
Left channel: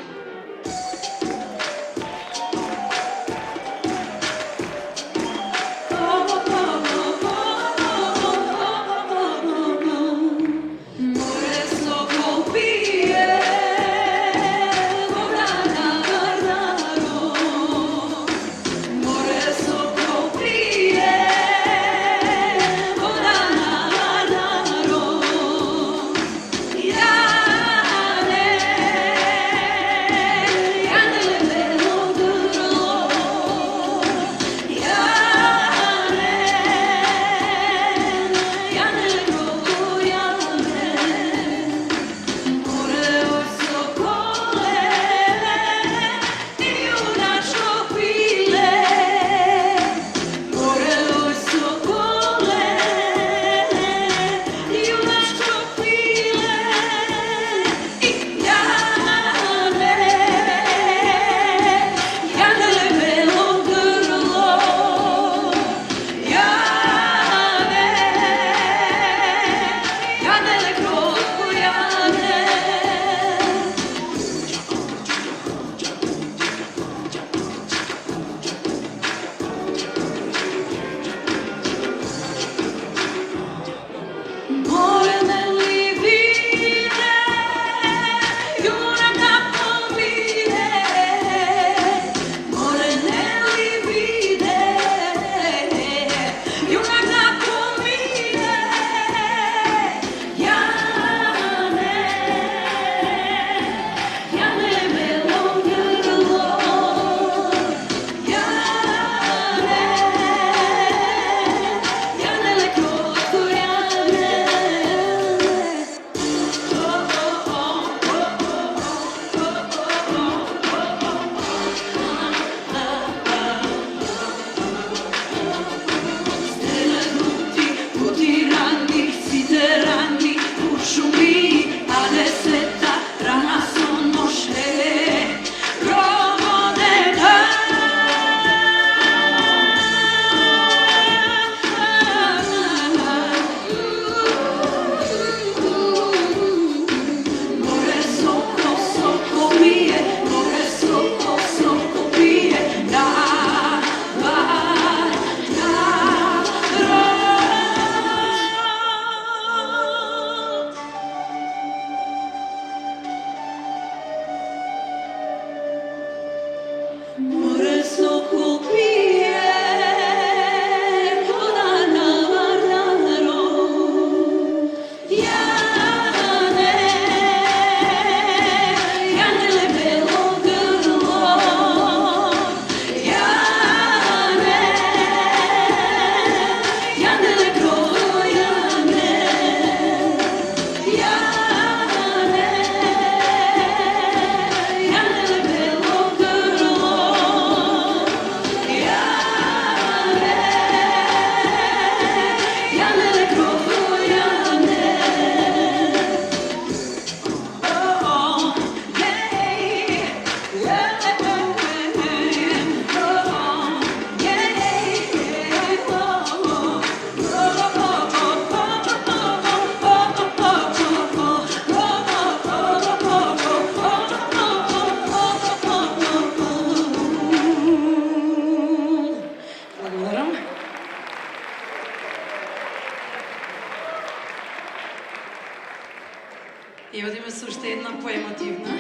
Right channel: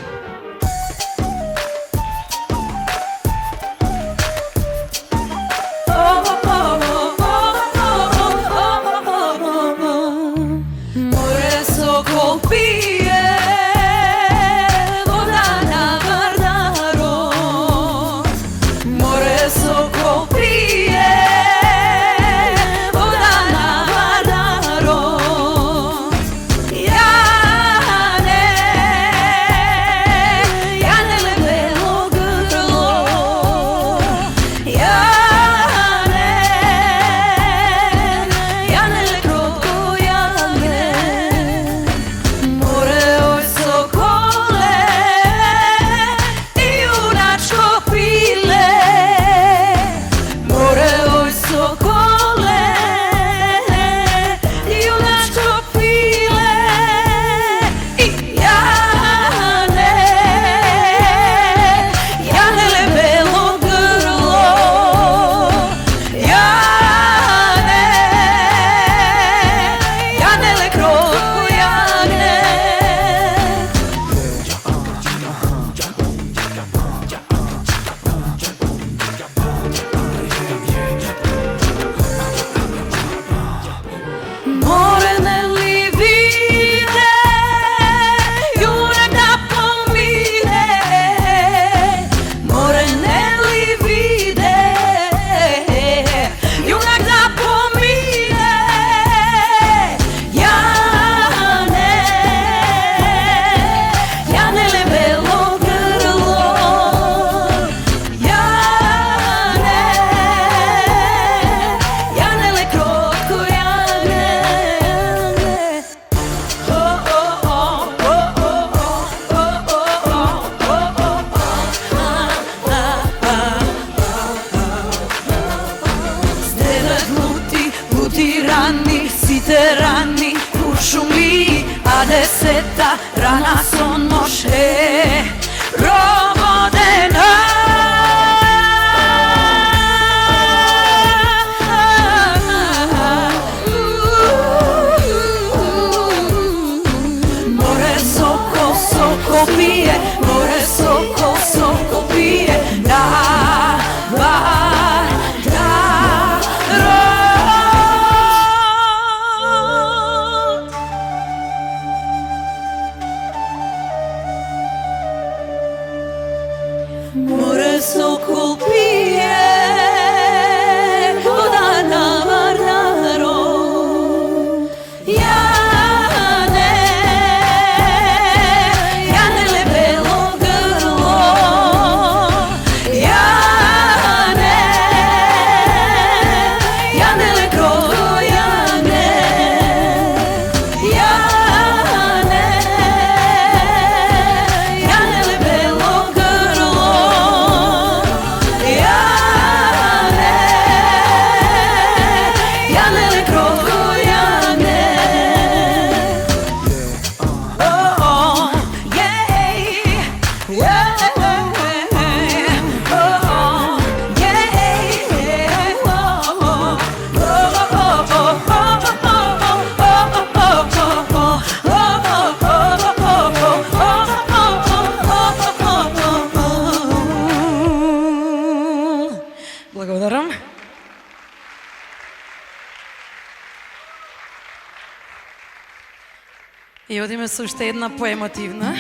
И одиме со уште една поемотивна.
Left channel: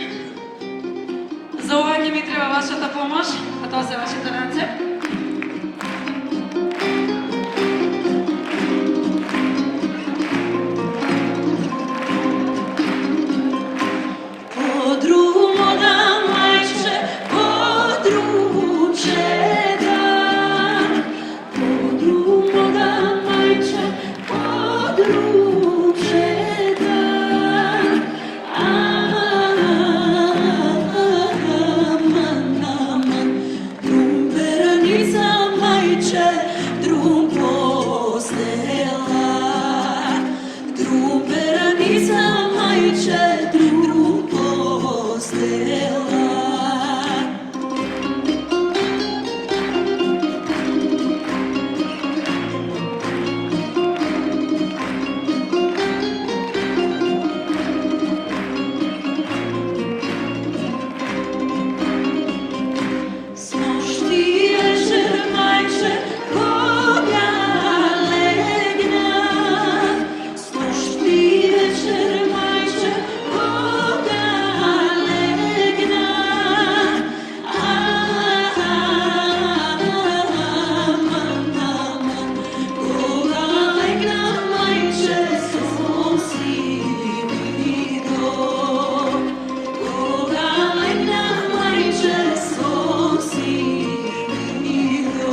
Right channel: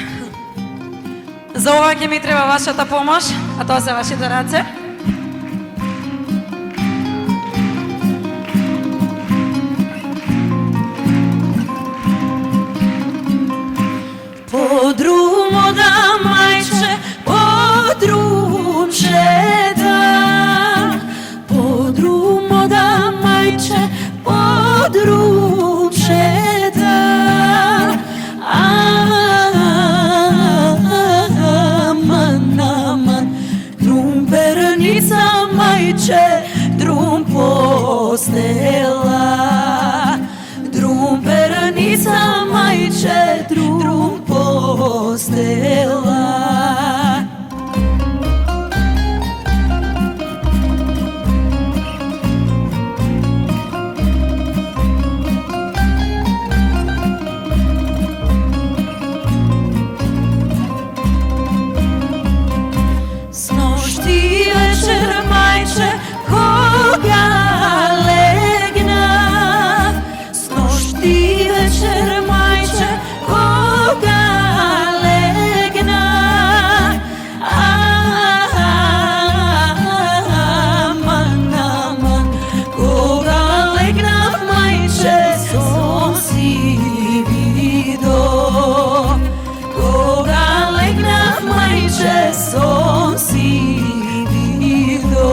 За ова ќе ми треба вашата помош, а тоа се вашите раце. Подрумо да мајче, подрумче да. Подрумо да мајче, подрумче да. Aman, aman, rumperan села. Снощи вечер, майче, кога легнах, снощи вечер, майче, кога легнах, аман, кога легнах, майче, сон си видо, кога легнах, майче, сон си видо.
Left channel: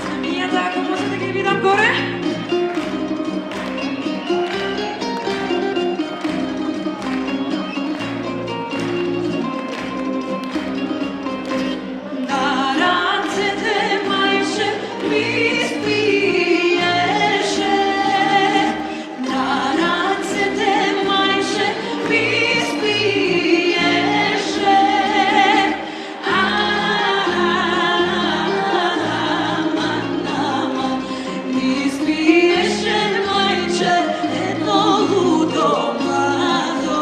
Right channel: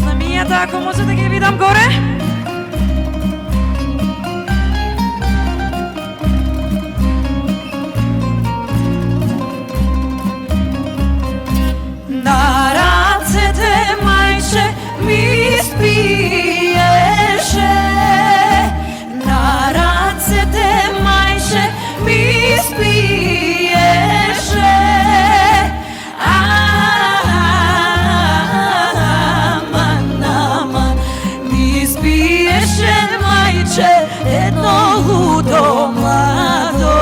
Знамењата, ако може да ги видам горе. На рацете, мајче, ми спиеше. На рацете, мајче, ми спиеше. Аман, ми спиеше, мајче, едно лудо младо.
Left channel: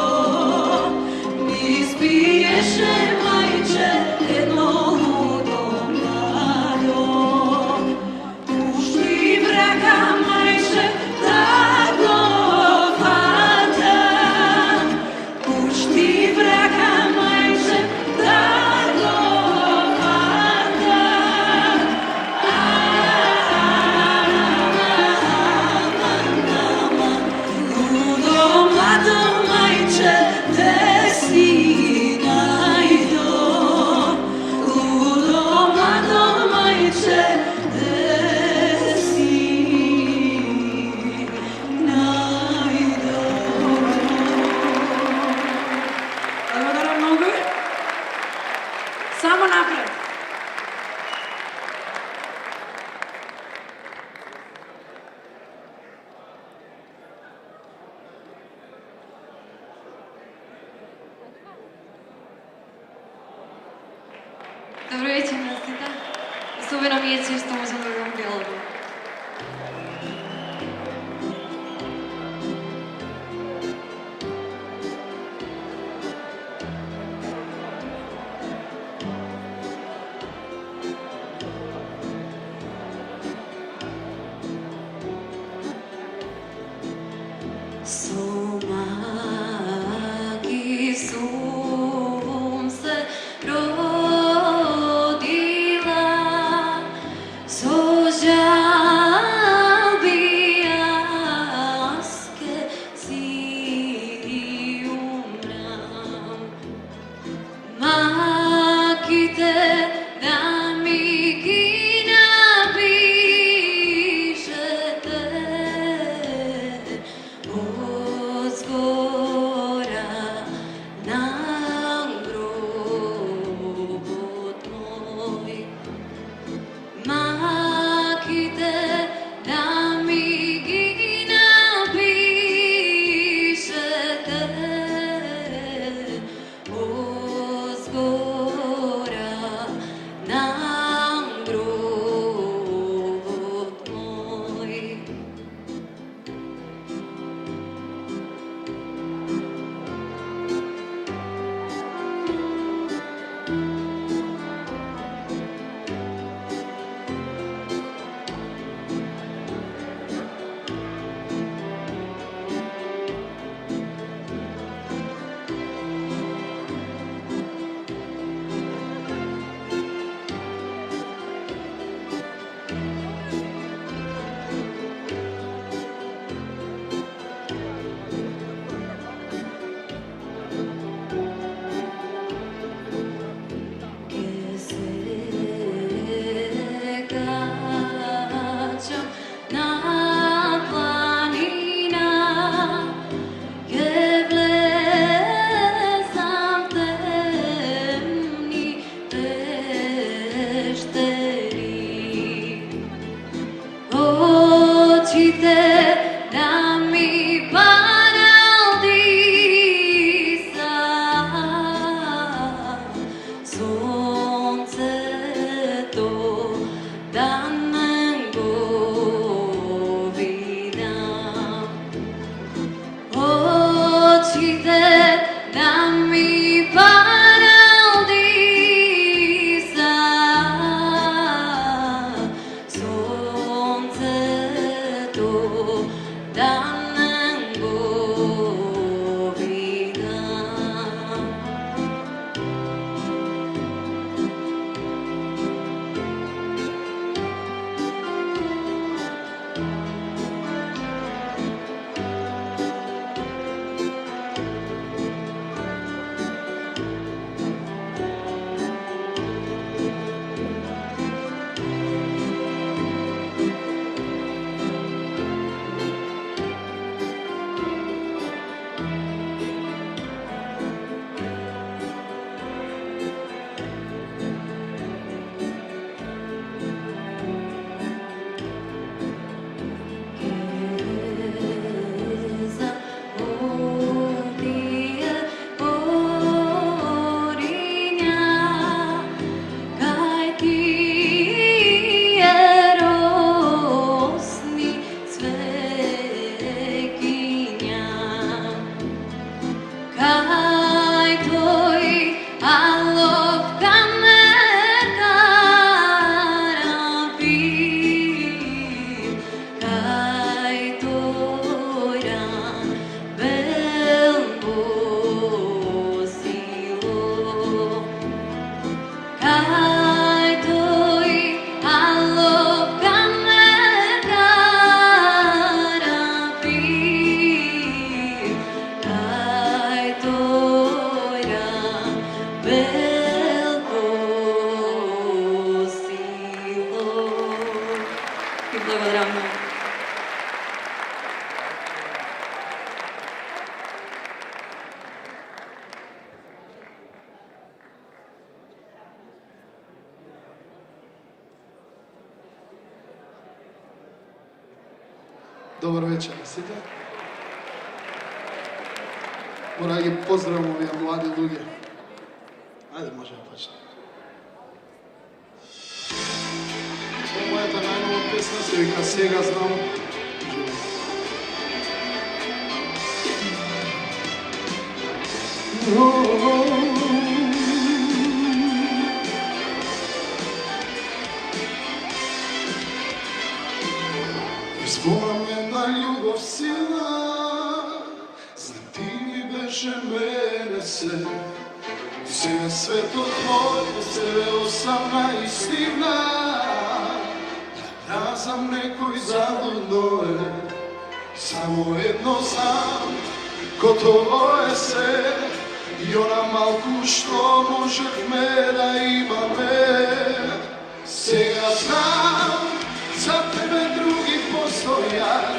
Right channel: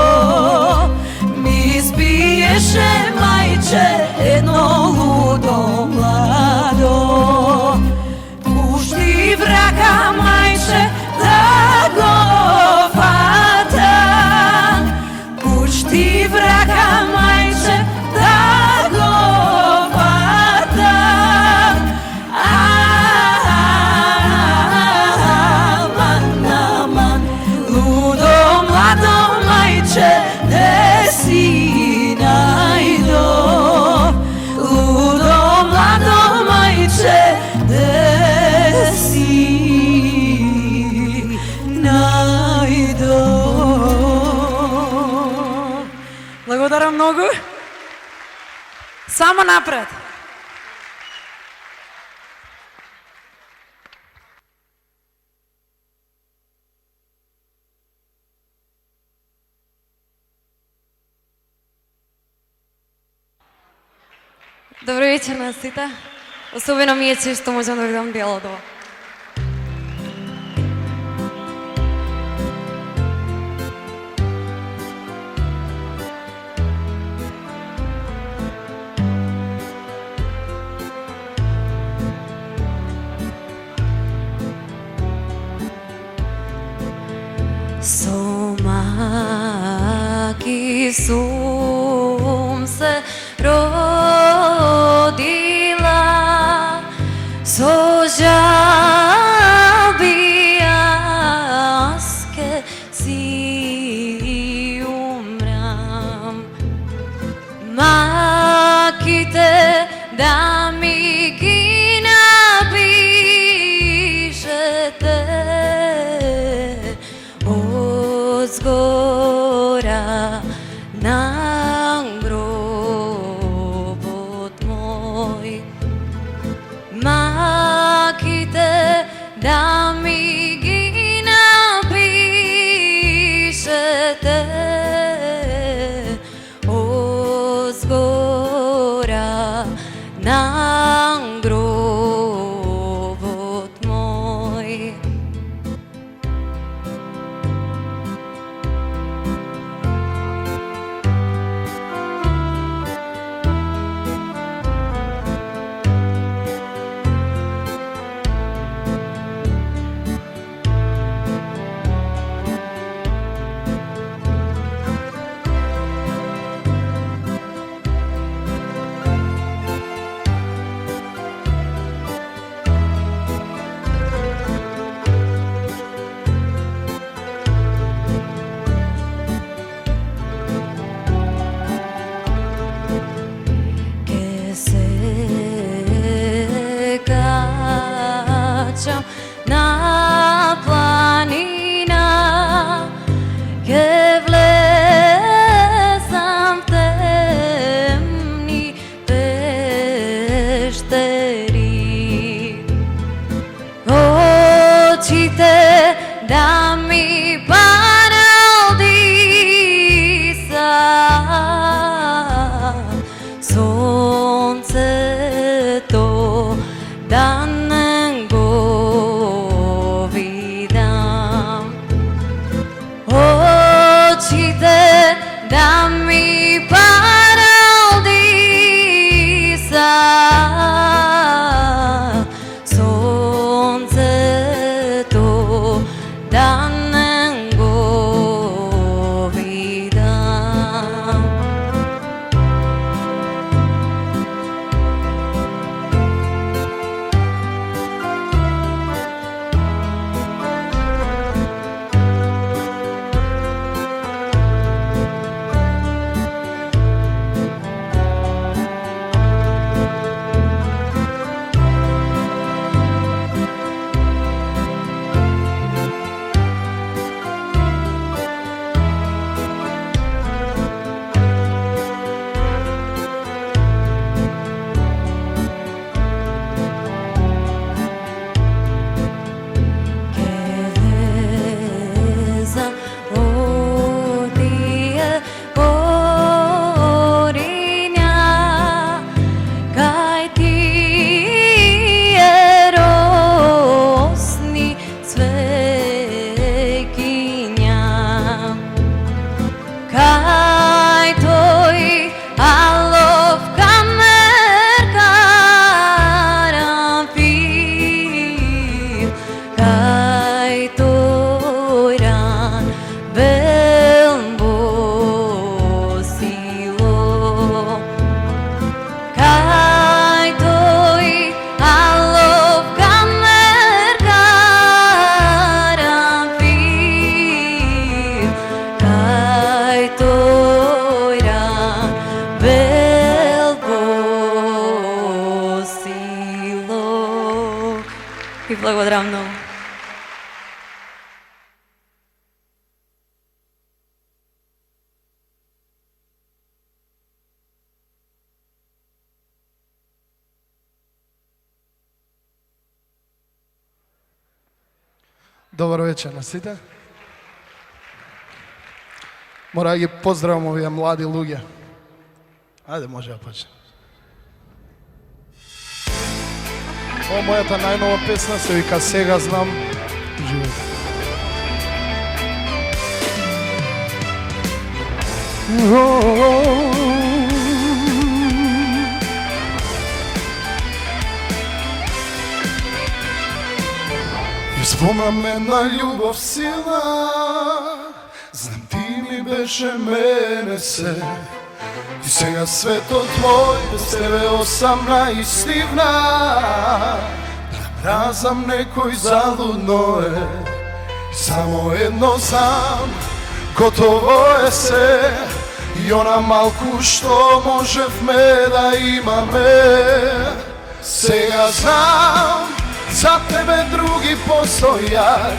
Ми спиеше, мајче, едно лудо младо. Пушти врага, мајче, да го фатам. Пушти врага, мајче, да го фатам. Аман, лудо младо, мајче, де си најдо. Лудо младо, мајче, де си најдо. Благодарам многу. Само напред. Добро вечер на сите. Особено ми е чест што можам да видам Бела дома. Соmaки сум се родила, со жалби јас ке си умрам. Маките да ми ги напишете озгора на гробот мој. Маките да ми ги напишете озгора на гробот мој. Добро вечер на сите. Мора да ги поздравам овие млади луѓе. Ајде, може да почне. Ова мојата најнова песна се вика Сега знам. Живеете. Спомнам една љубов сила, знам ти ми беше мене се. И сега светот мој без тебе осамна и сливна. Разам некој залудно е, само едно знам, готово е се. И она малку што можевме да имаме. Сега знам, за тебе други постојат,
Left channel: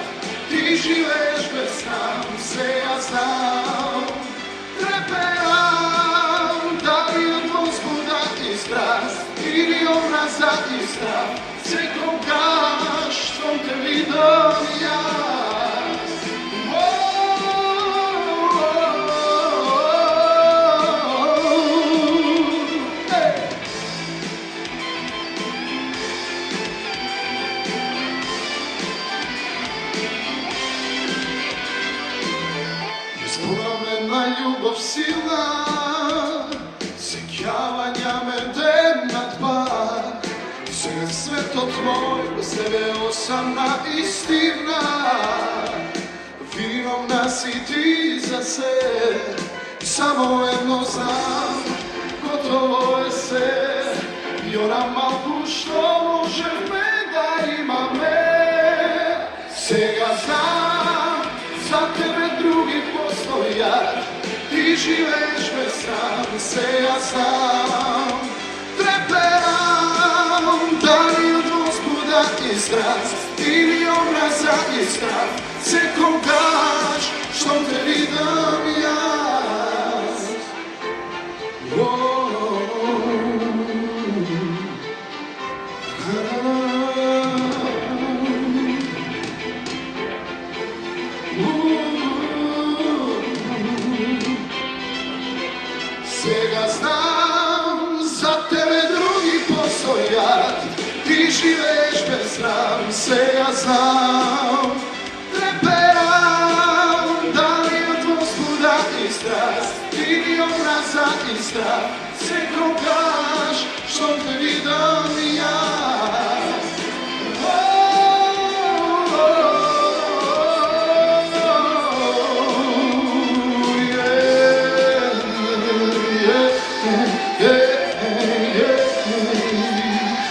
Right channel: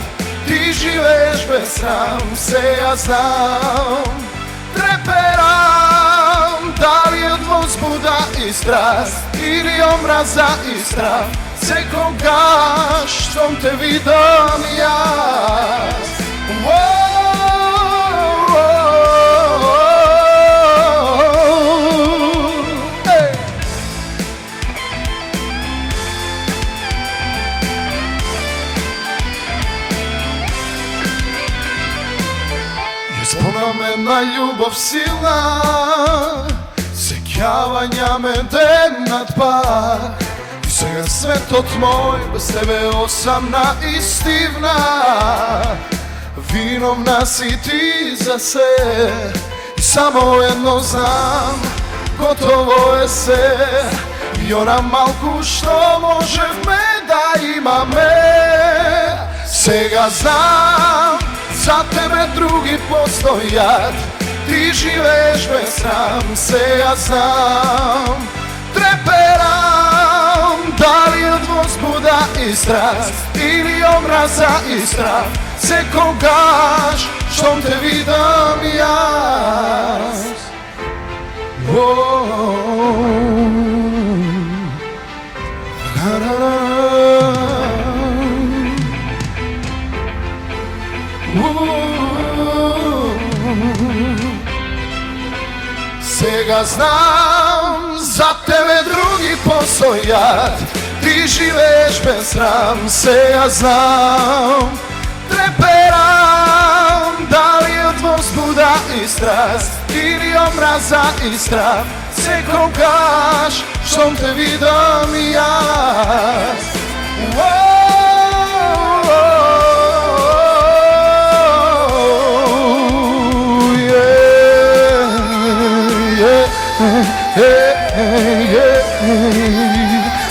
ти живееш без срам. Сега знам, треперам, дали од возбуда и страст или омраза и страх. Секогаш штом те видам јас. На љубов сила, сеќавања ме ден над пак. И сега светот мој без тебе осамна и стивна. Виновна си ти за се, и само едно знам, готово е се. И она малку што можевме да имаме. Сега знам, за тебе други постојат, ти живееш без срам. Сега знам, треперам, дали од возбуда и страст или омраза и страх. Секогаш штом те видам јас. Сега знам, за тебе други постојат, ти живееш без срам. Сега знам, треперам, дали од возбуда и страст или омраза и страх. Секогаш штом те видам јас.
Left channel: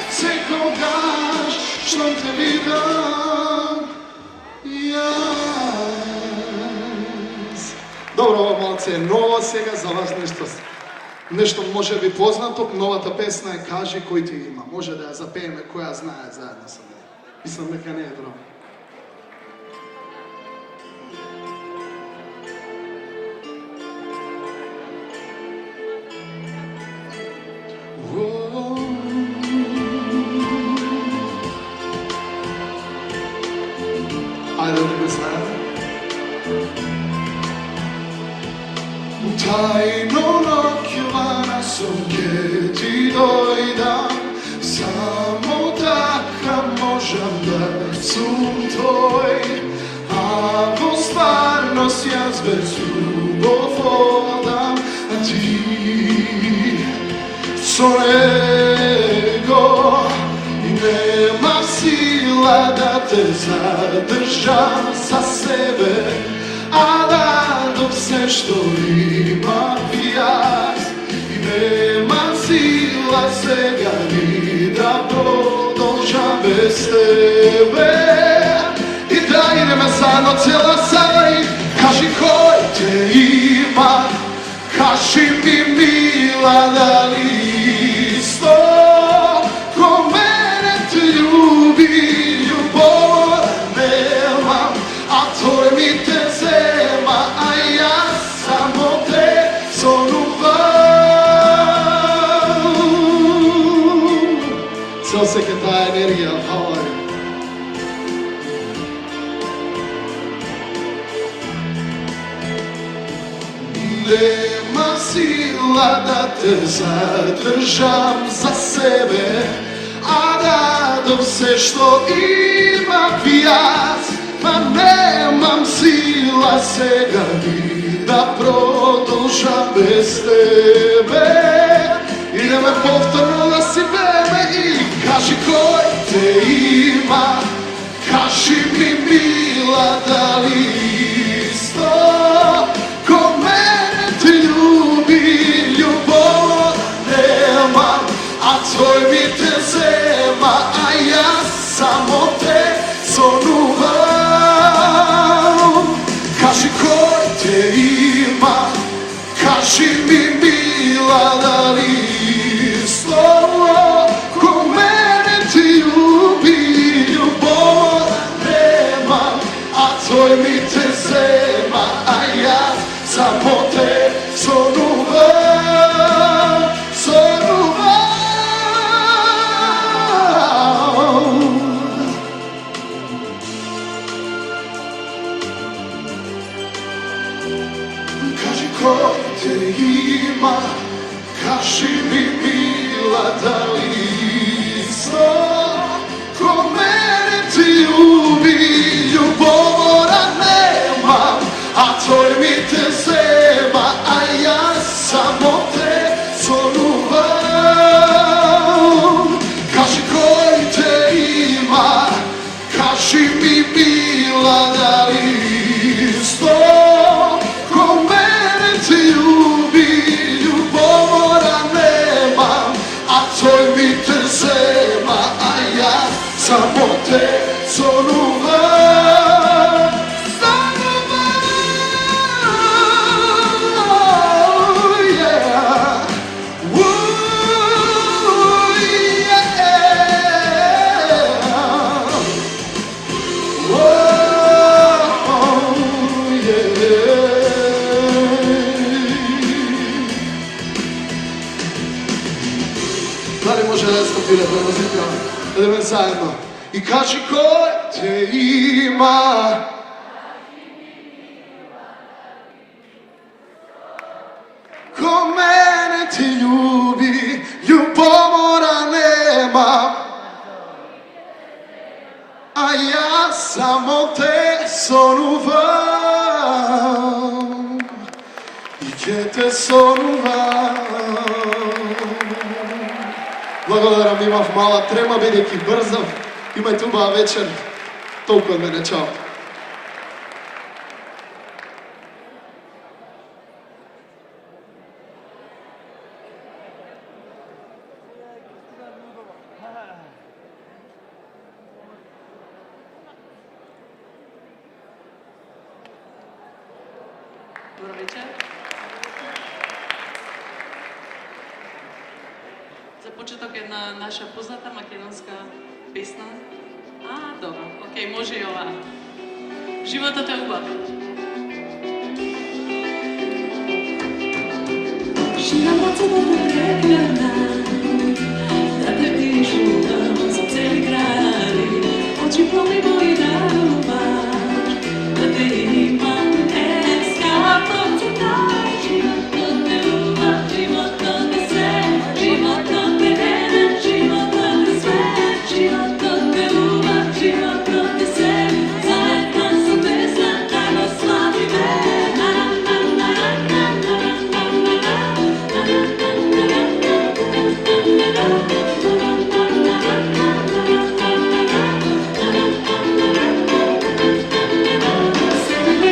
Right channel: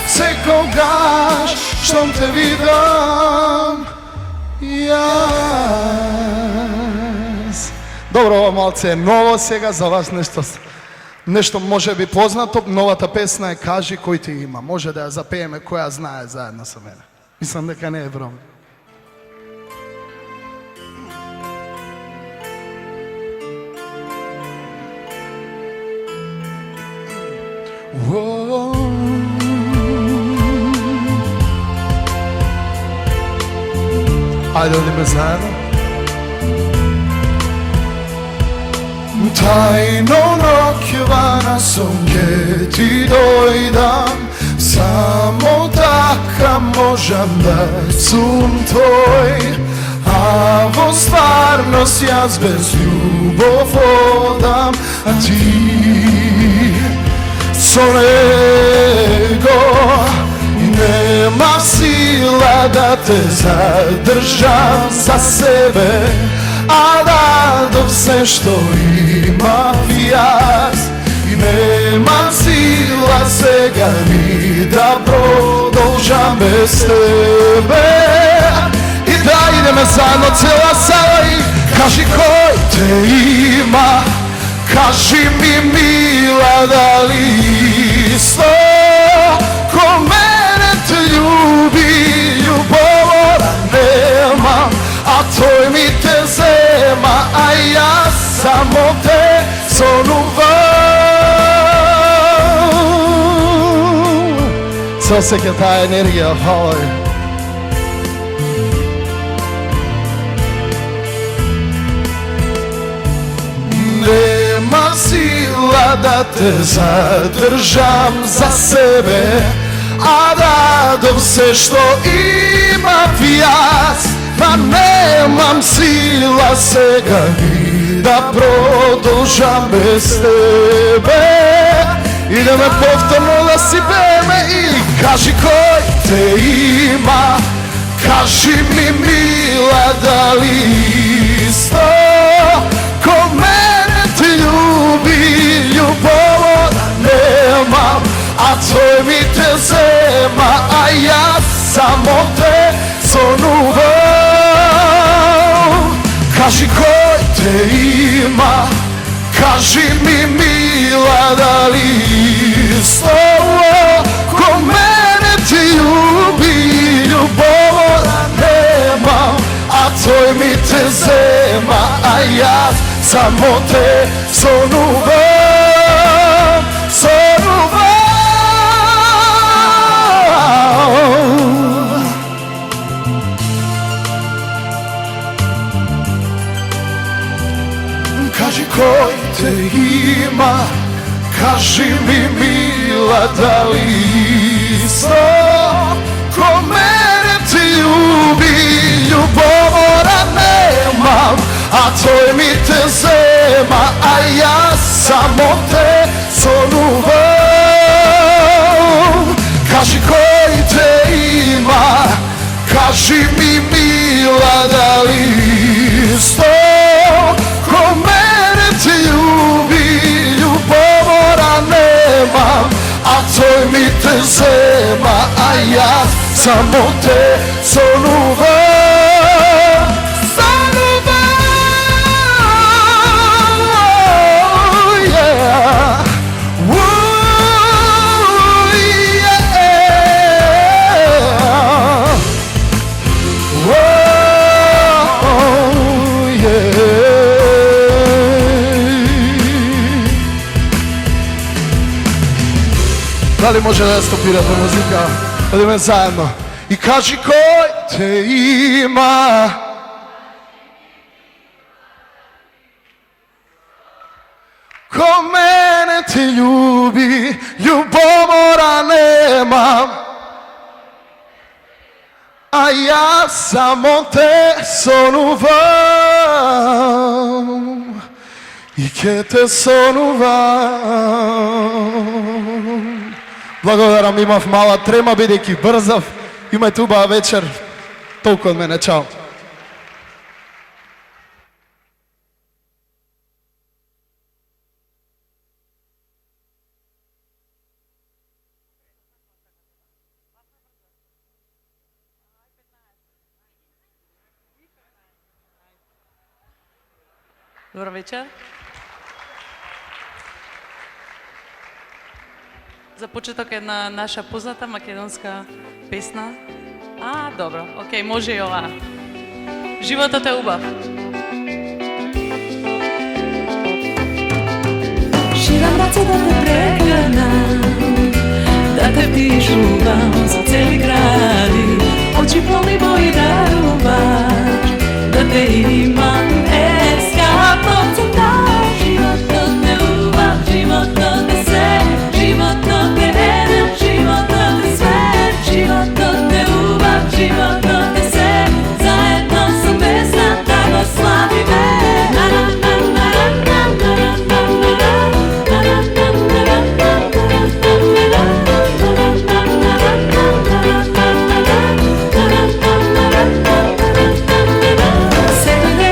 Секогаш штом те видам јас. Добро, ова малце е ново сега за вас, нешто може би познато. Новата песна е Кажи кој ти има. Може да ја запееме која знае заедно со мене. Мислам дека не е бром. Ајде одиме заедно. Тајно ноќевана сум ќе ти дојдам, само така можам да сум твој. А во стварност јас без љубов одам, а ти со него. Нема сила да те задржам за себе, а дадов се што имам јас. И нема сила сега ни да продолжам без тебе. И да идеме заедно цела сај. Кажи кој те има, кажи ми мила дали исто ко мене те љуби. Љубова нема, а тој ми те зема, а јас само те сонувам. Се осеќа таа енергија, хвала ви. Nemam sila da te zadržam za sebe, a radom se što imam jaz. Ma nemam sila svega ni da produžam bez tebe. Idem na povtorno da si vreme i kaži koji te ima. Kaži mi mila da li isto ko mene ti ljubi. Ljubovoda nemam, a tvoj mi te zema, a ja samo te zonuvam. Kaži ko te ima, kaži mi mila da li isto ko mene ti ljubi. Ljubovoda nemam, a tvoj mi te zema, a ja samo te zonuvam. Kaži ko te ima, kaži mi mila da li isto ko mene ti ljubi. Ljubovoda nemam, a tvoj mi te zema, a ja samo te zonuvam. Kaži koji te ima, kaži mi mila da li isto ko mene ti ljubi. Ljubovoda nemam, a tvoj mi te zema, a ja samo te zonuvam. Da li može da stopirate muzika? Idemo zajedno. I kaži ko te ima. Ko mene ti ljubi. Ljubomora nemam, a ja samo te zonuvam. I ke te zonuvam. Благодарам, имав мала трема, бидејќи брзав. Имај убава вечер. Толку од мене, чао. Добро вечер. За почеток една наша позната македонска песна. Добро, окей, може и ова. Животот е убав. Ширам раце да те прегрнам, да те вдишувам за цели гради, очи полни мои даруваш, да те имам ескапот за таа. Животот не убав, животот е се, животот е еден, животот е свет, животот е убав, животот е се, заедно со песната го славиме. Секој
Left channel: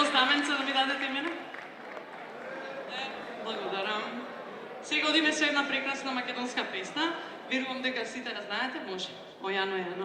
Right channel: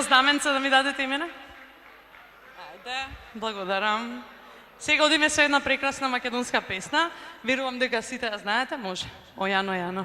едно знаменце да ми дадете и мене? Благодарам. Сега одиме со една прекрасна македонска песна. Верувам дека сите ја знаете, може. Ојано, Јано.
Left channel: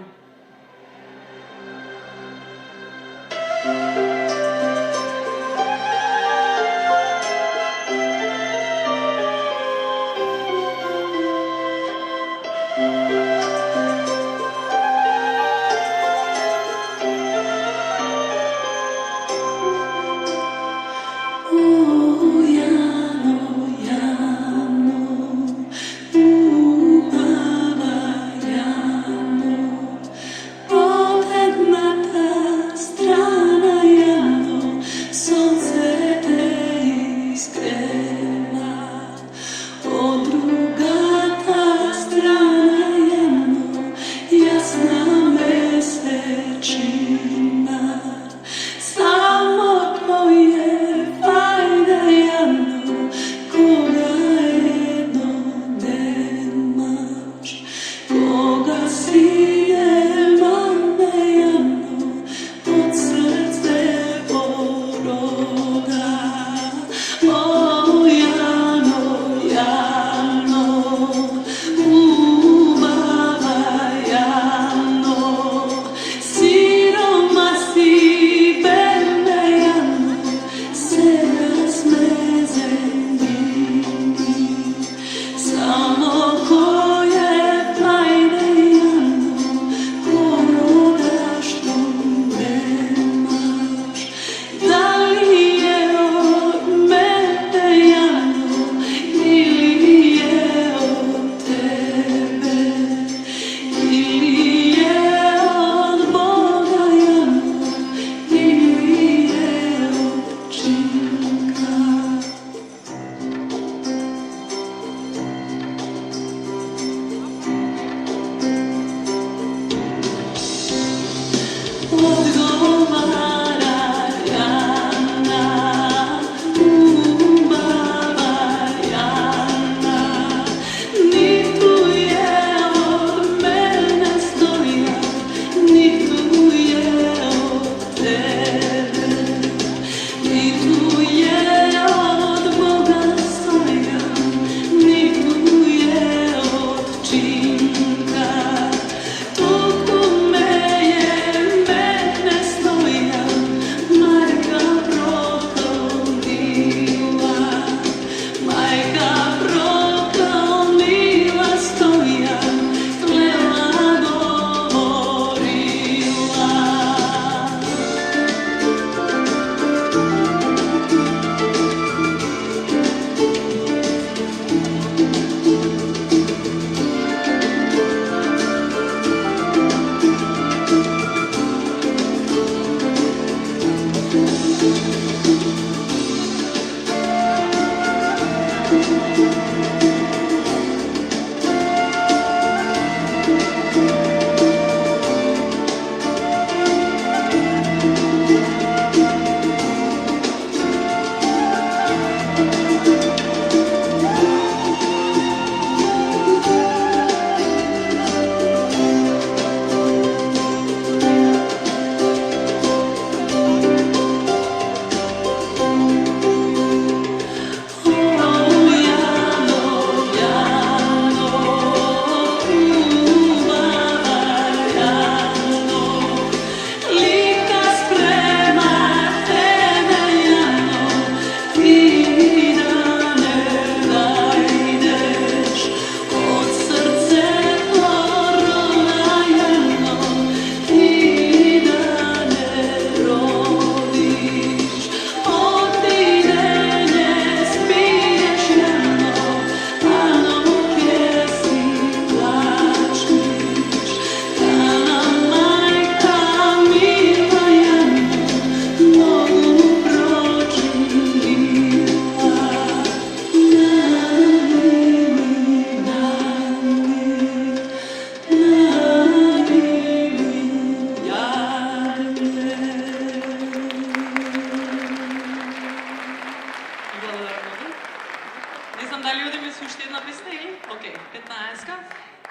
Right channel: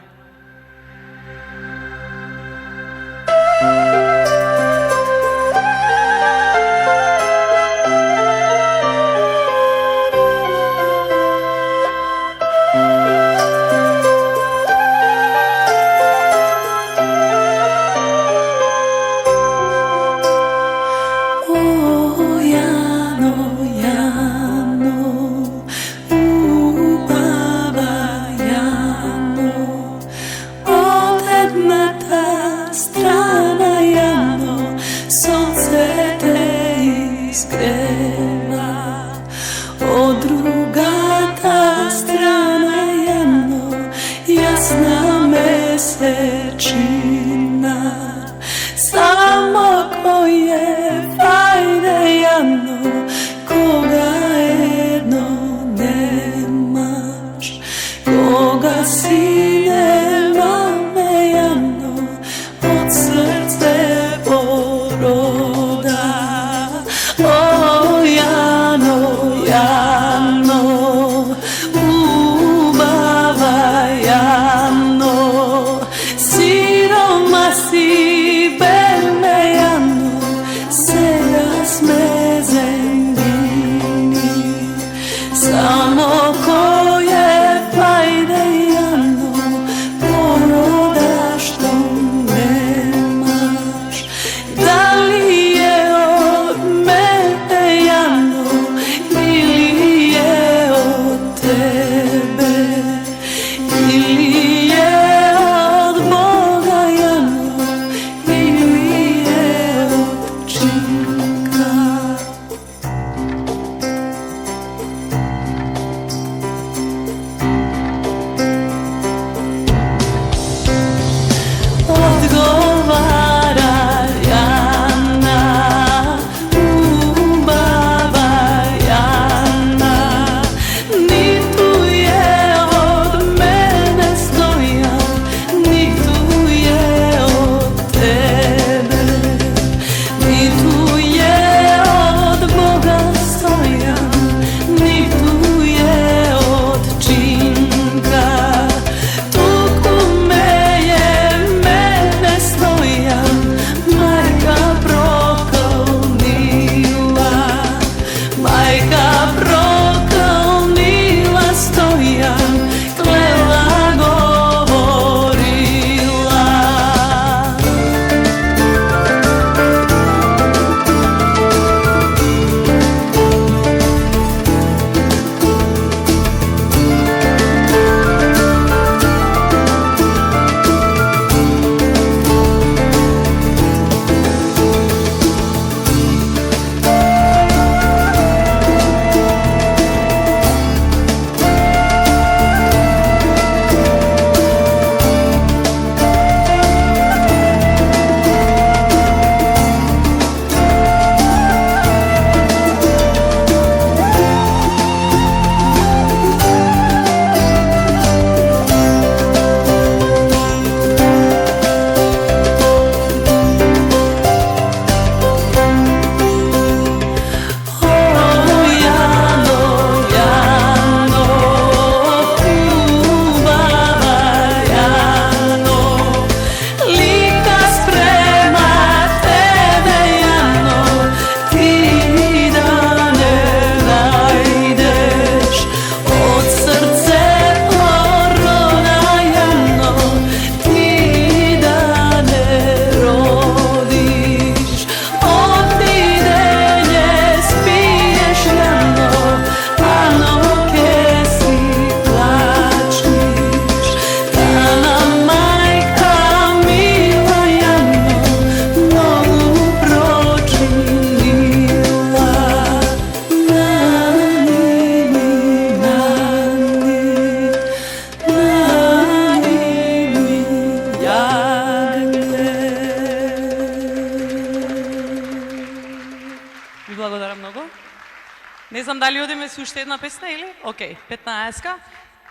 Океј, 15-ка.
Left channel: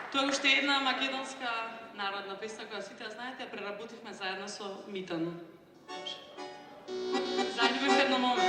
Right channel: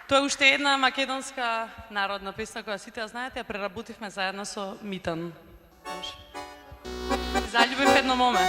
Тоа е уште една македонска народна песна која сите ја знаете, ја преработивме заедно со Митан. Заљубив едно моме.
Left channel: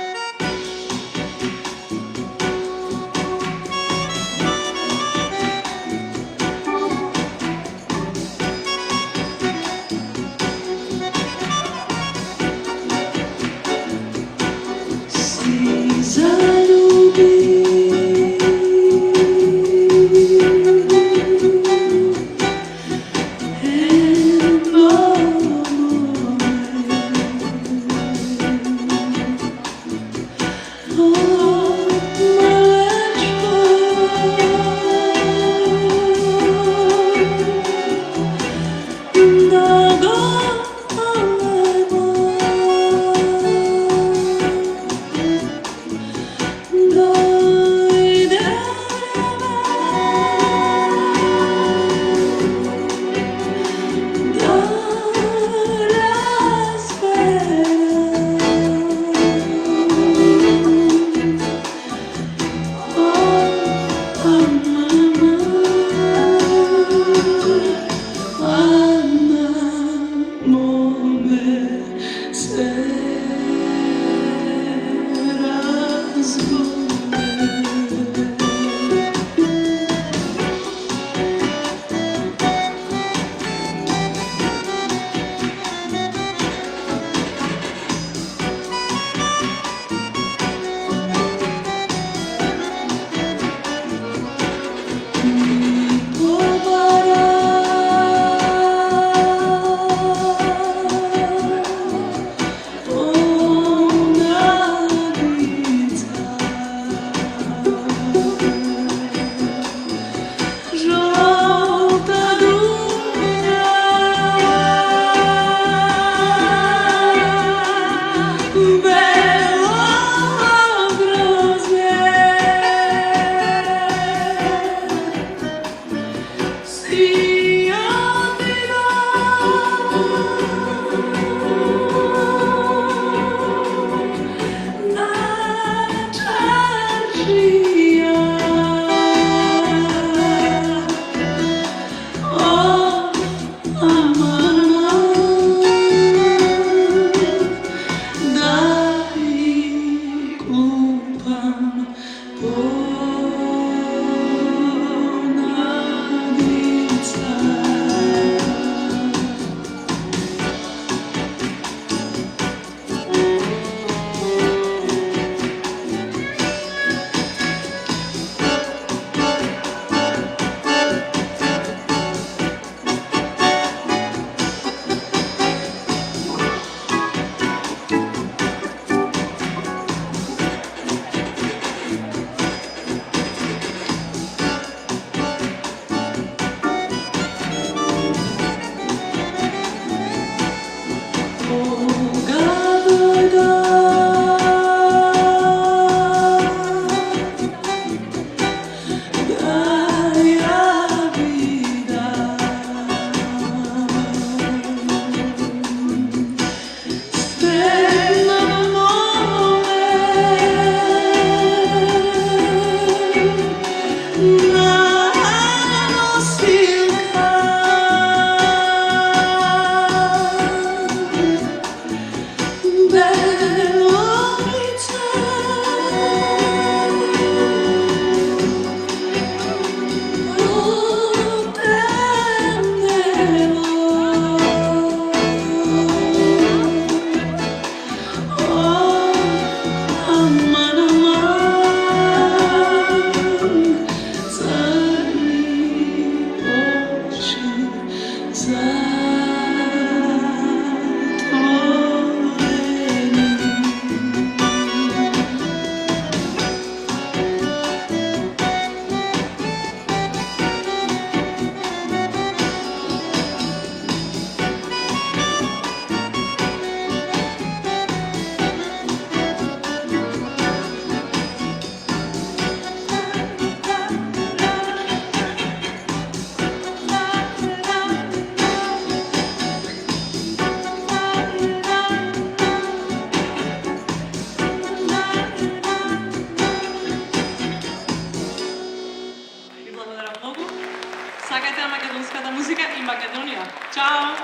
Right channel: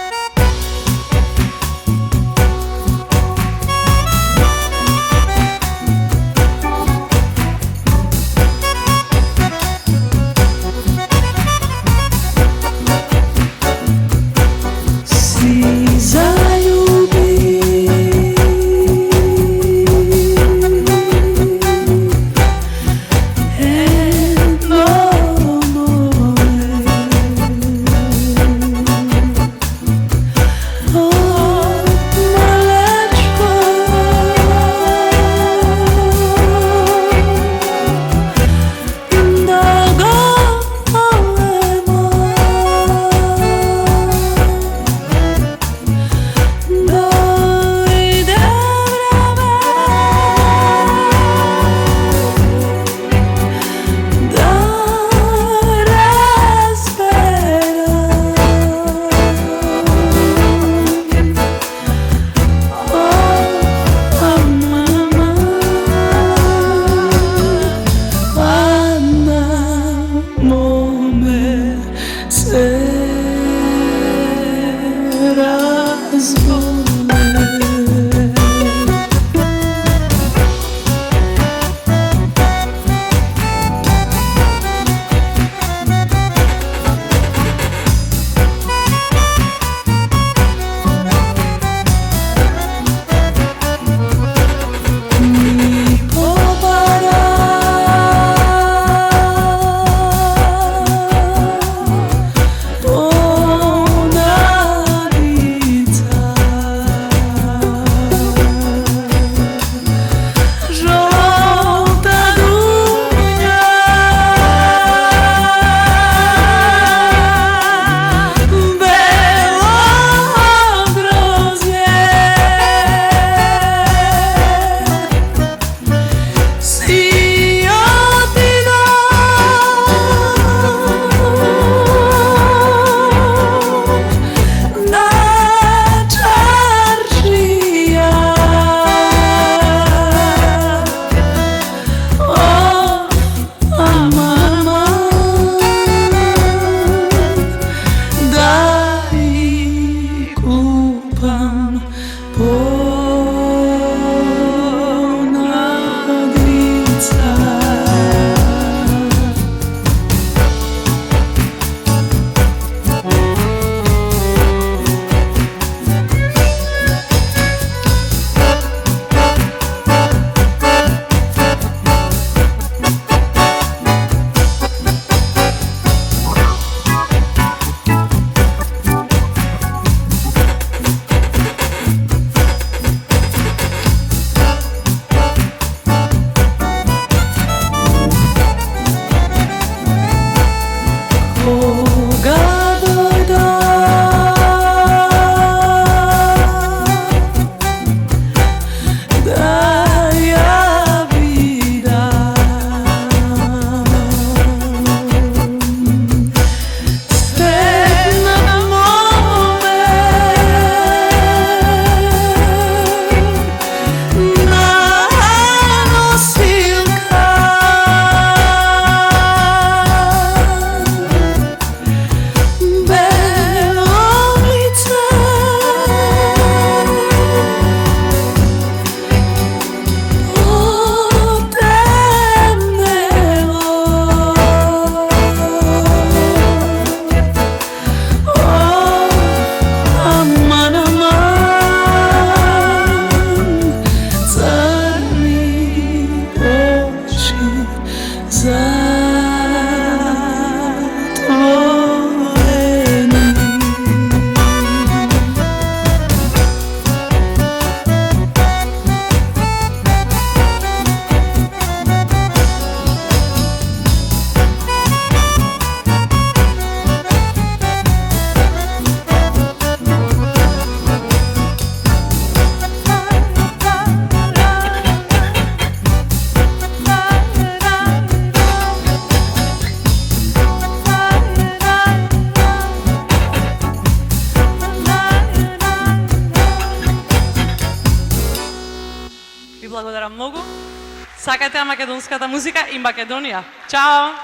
Сакате македонската музика и Македонија. Чао!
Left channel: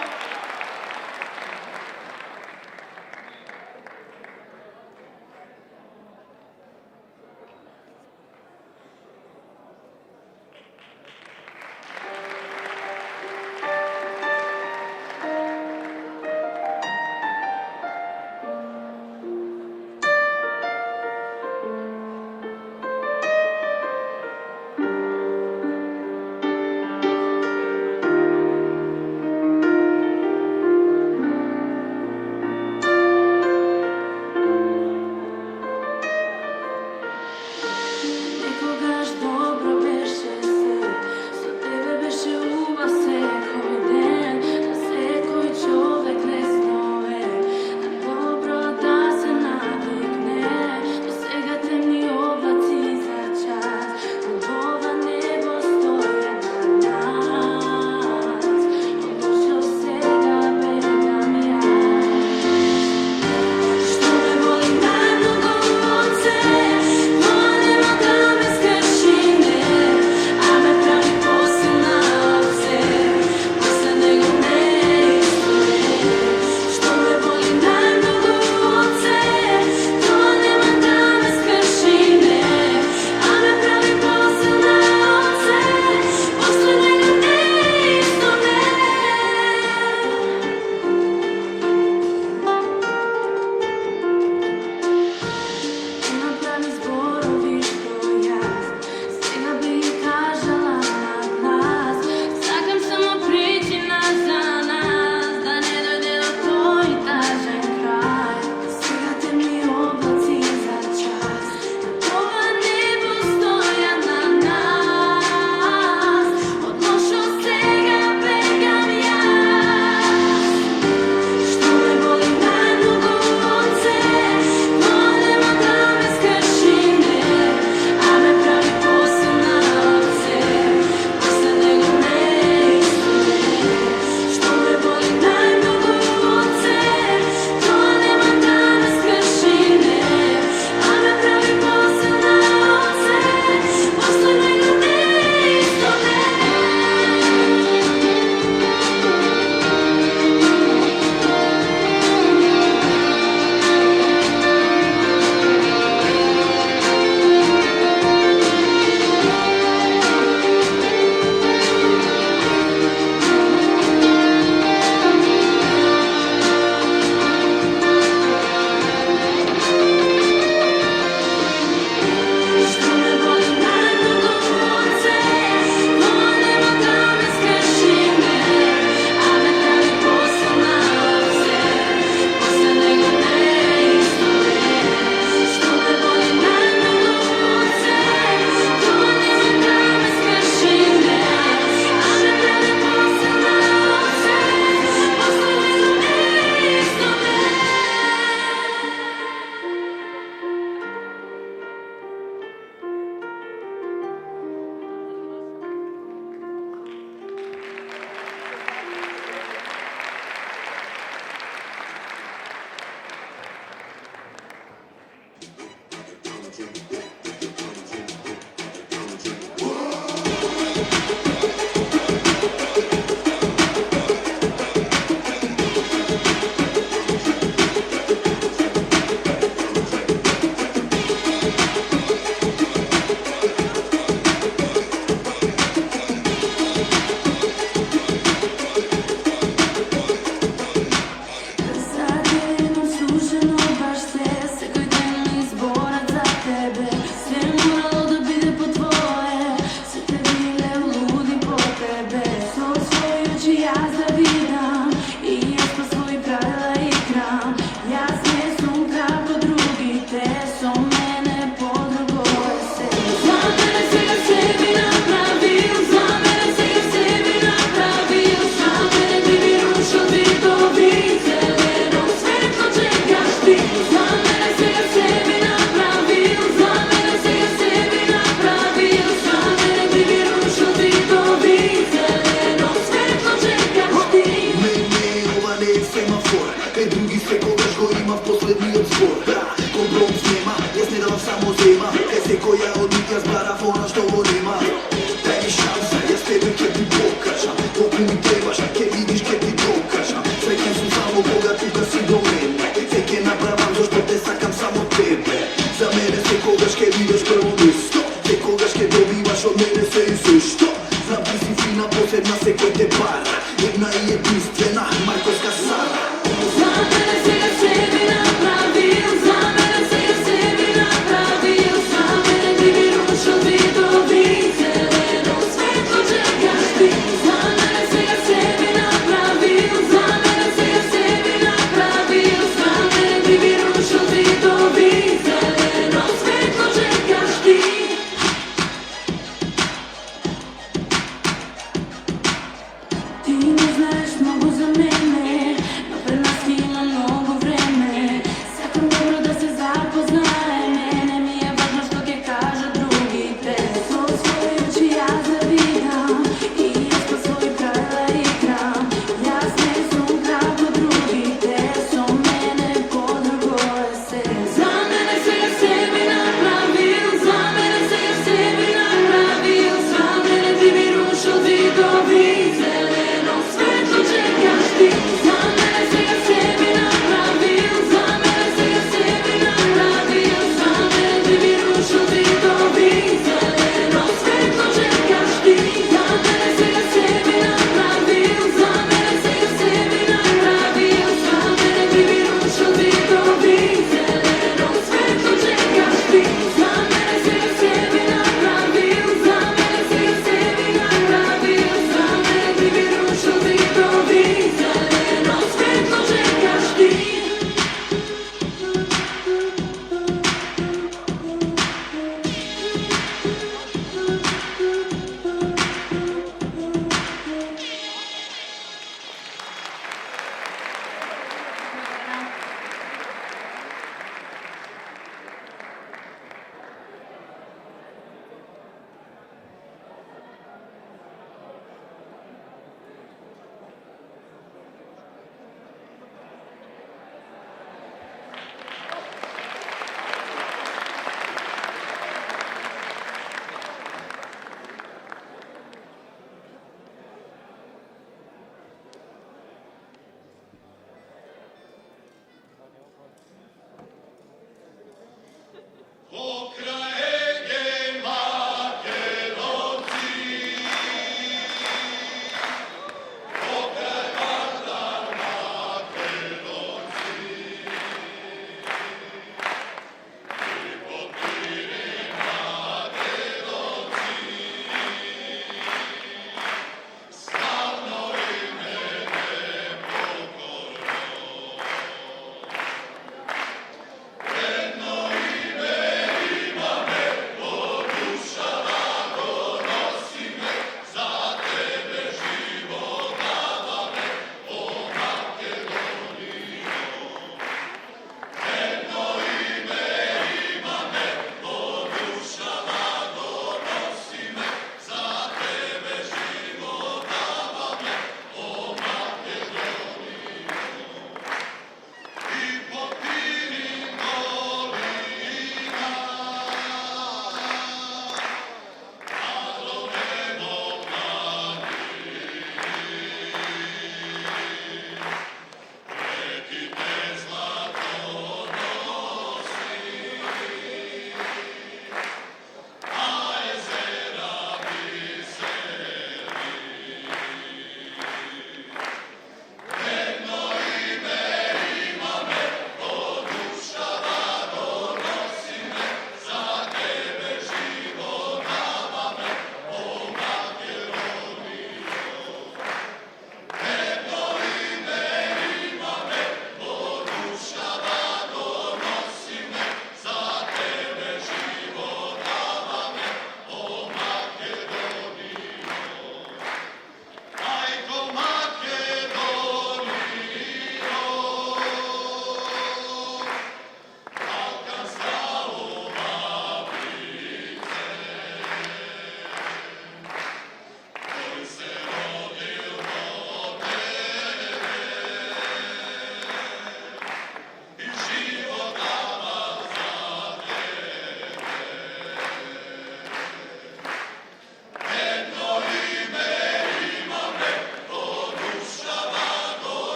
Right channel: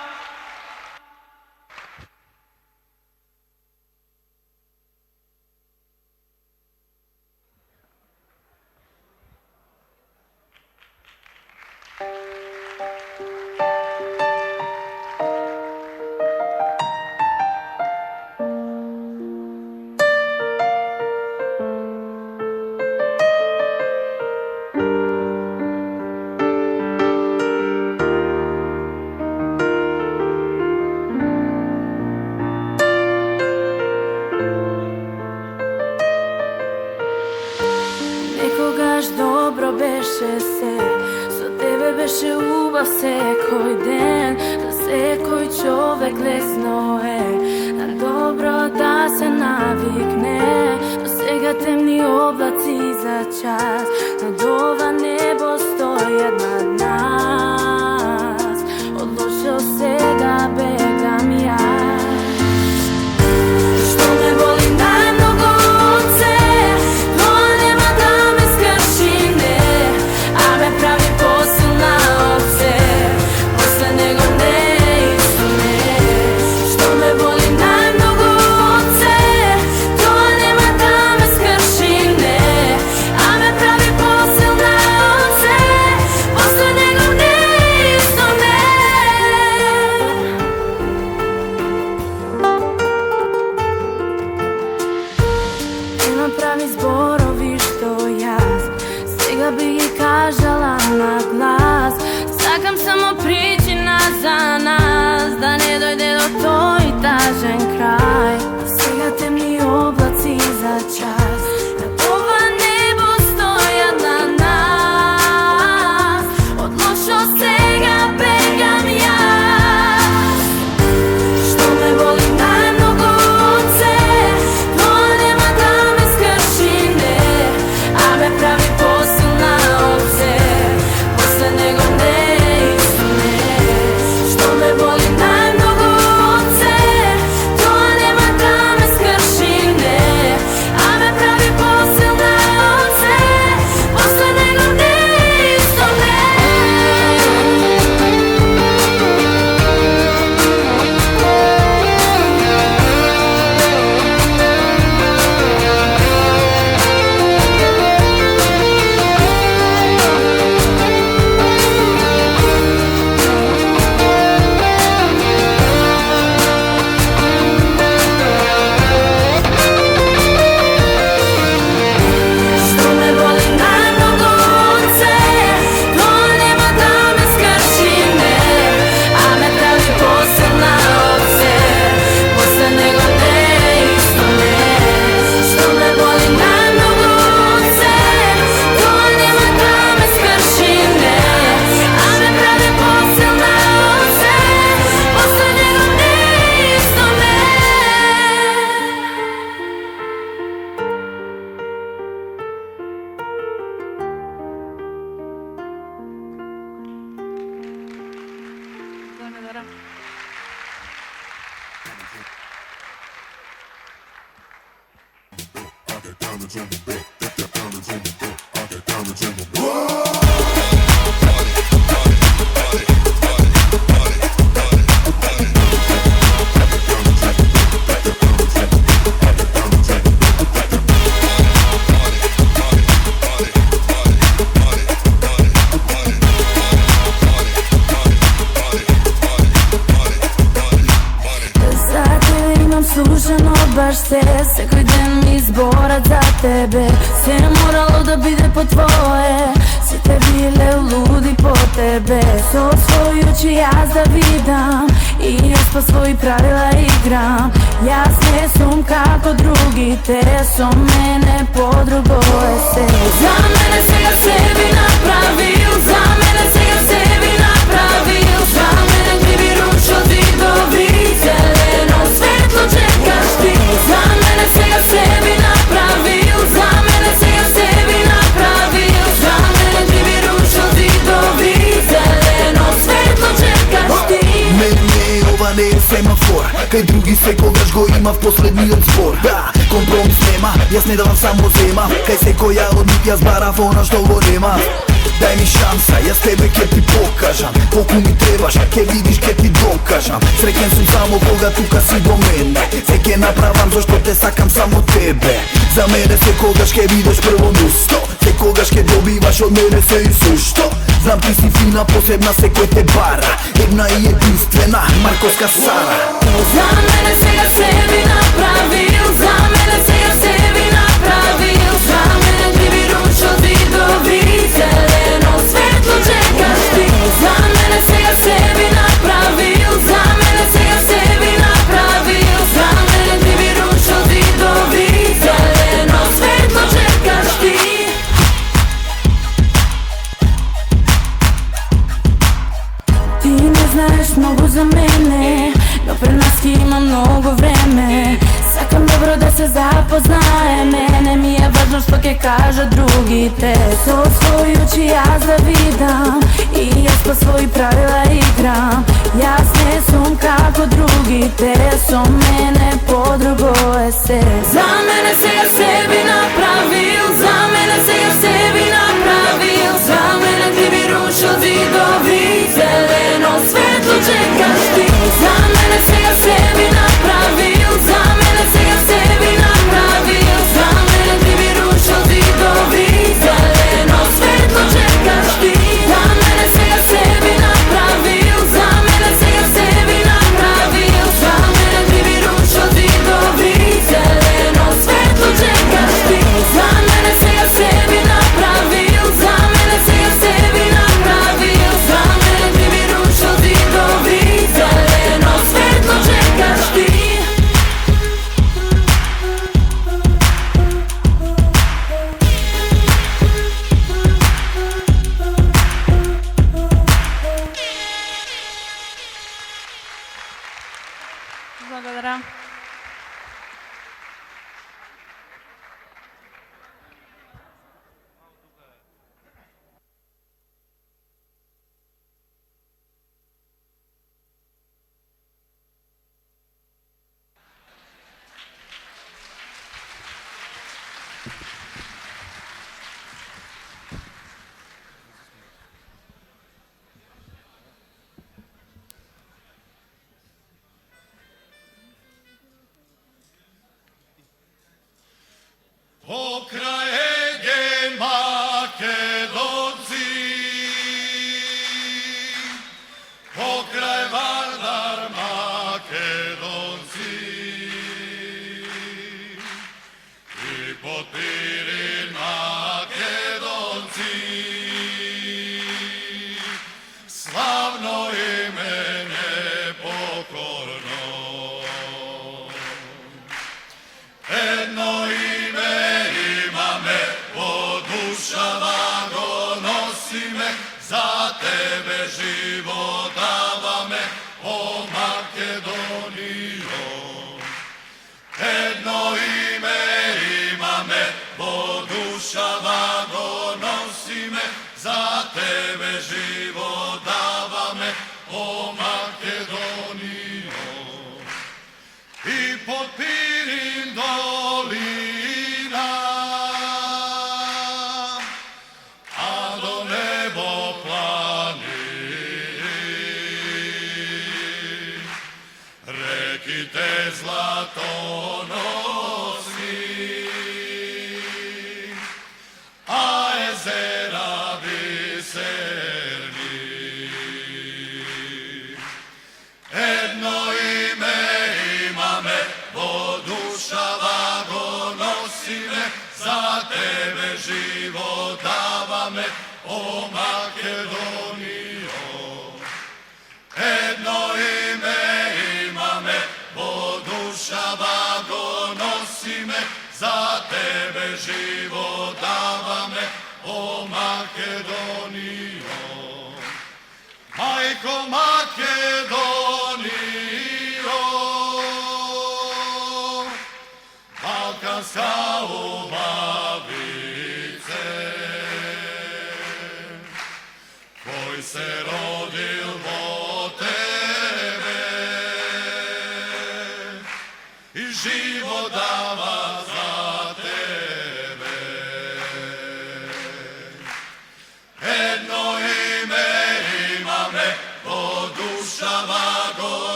tvoje, sve te bile ludi po tebe. Se osvojući ja zavidam i još po svojih pravila igram. Jasne sum kako drugi, te som mene podrugoje se. Za mene se ja sebi napravio, za mene se ja sebi napravio. Za mene ti bi ručo zidovi, zeleno svetlo čekaš ti. Za mene se ja sebi napravio, za mene se ja sebi napravio. Za mene ti bi ručo zidovi, zeleno svetlo čekaš ti. Ова не е семафор, кај други секогаш го има в последниот збор. Да, компромис нема, јас не давам само зема, кај секоја од нив јас барав она што го нема. Дај ми шанса, јас тебе ќе ти покажам, колку ми требаш, а ќе видиш ќе ти докажам. Среќен сум само кога тука си до мене, се ќе направам зашто те сакам само тебе. За мене секогаш ќе видиш прво место, секогаш ќе добиваш од мене се и сушто. Знам ти си фина, посебна, секој те бара, една и единствена, Марковска Сара. За мене се ја sebi napravio, za mene se ja sebi napravio. Za mene ti bi ručo zidovi, zeleno svetlo čekaš ti. Za mene se ja sebi napravio, za mene se ja sebi napravio. Za mene ti bi ručo zidovi, zeleno svetlo čekaš ti. Ti ne znaš mnogo za mene, no pred nas ima mnogo vreme. Sakam dobro da se zapoznaje, mene mi je važno što ke kaže drugi. Te se osvojući ja zavidam i još po svojih pravila igram. Jasne sum kako drugi, te som mene podrugoje se. Za mene se ja sebi napravio, za mene se ja sebi napravio. Za mene ti bi ručo zidovi, zeleno svetlo čekaš ti. Za mene se ja sebi napravio, za mene se ja sebi napravio. Za mene ti bi ručo zidovi, zeleno svetlo čekaš ti. Za mene se ja sebi napravio, za mene se ja sebi napravio. Za mene ti bi ručo zidovi, zeleno svetlo čekaš ti. Za mene se ja sebi napravio, za mene se ja sebi napravio. Za mene ti bi ručo zidovi, zeleno svetlo čekaš ti. Благодаря. Pokrajege Makedonci, pokraj Vardar Makedonci, i potiri Makedonci, slavno ime nepokorno, jedno ime imame, od duša lago nosi me, za tebe život dava me, o Makedonijo. Jedno ime imame, od duša lago nosi me, za tebe život dava me, o Makedonijo. I pod Pirin dolina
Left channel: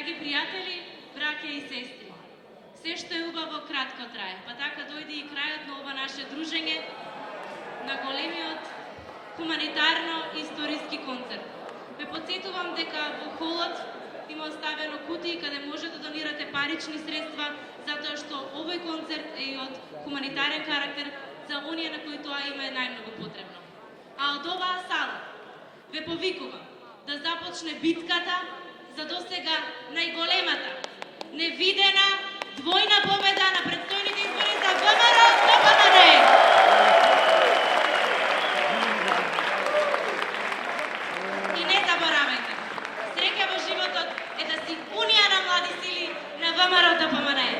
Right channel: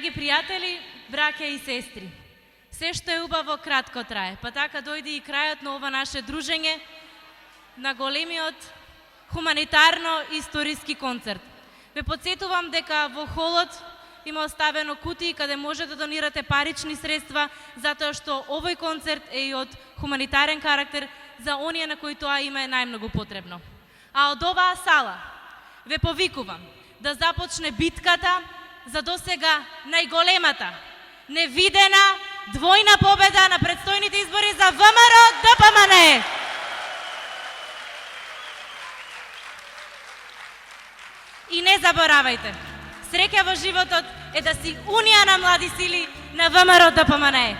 Драги пријатели, браќа и сестри, се што е убаво кратко трае, па така дојде и крајот на ова наше дружење на големиот хуманитарно-историски концерт. Ве подсетувам дека во холот има оставено кутии каде може да донирате парични средства, затоа што овој концерт е и од хуманитарен карактер за оние на кои тоа им е најмногу потребно. А од оваа сала ве повикувам да започне битката за досега најголемата, невидена, двојна победа на предстојните избори за ВМРО ДПМН. И не заборавајте, среќа во животот е да си унија на млади сили на ВМРО ДПМН.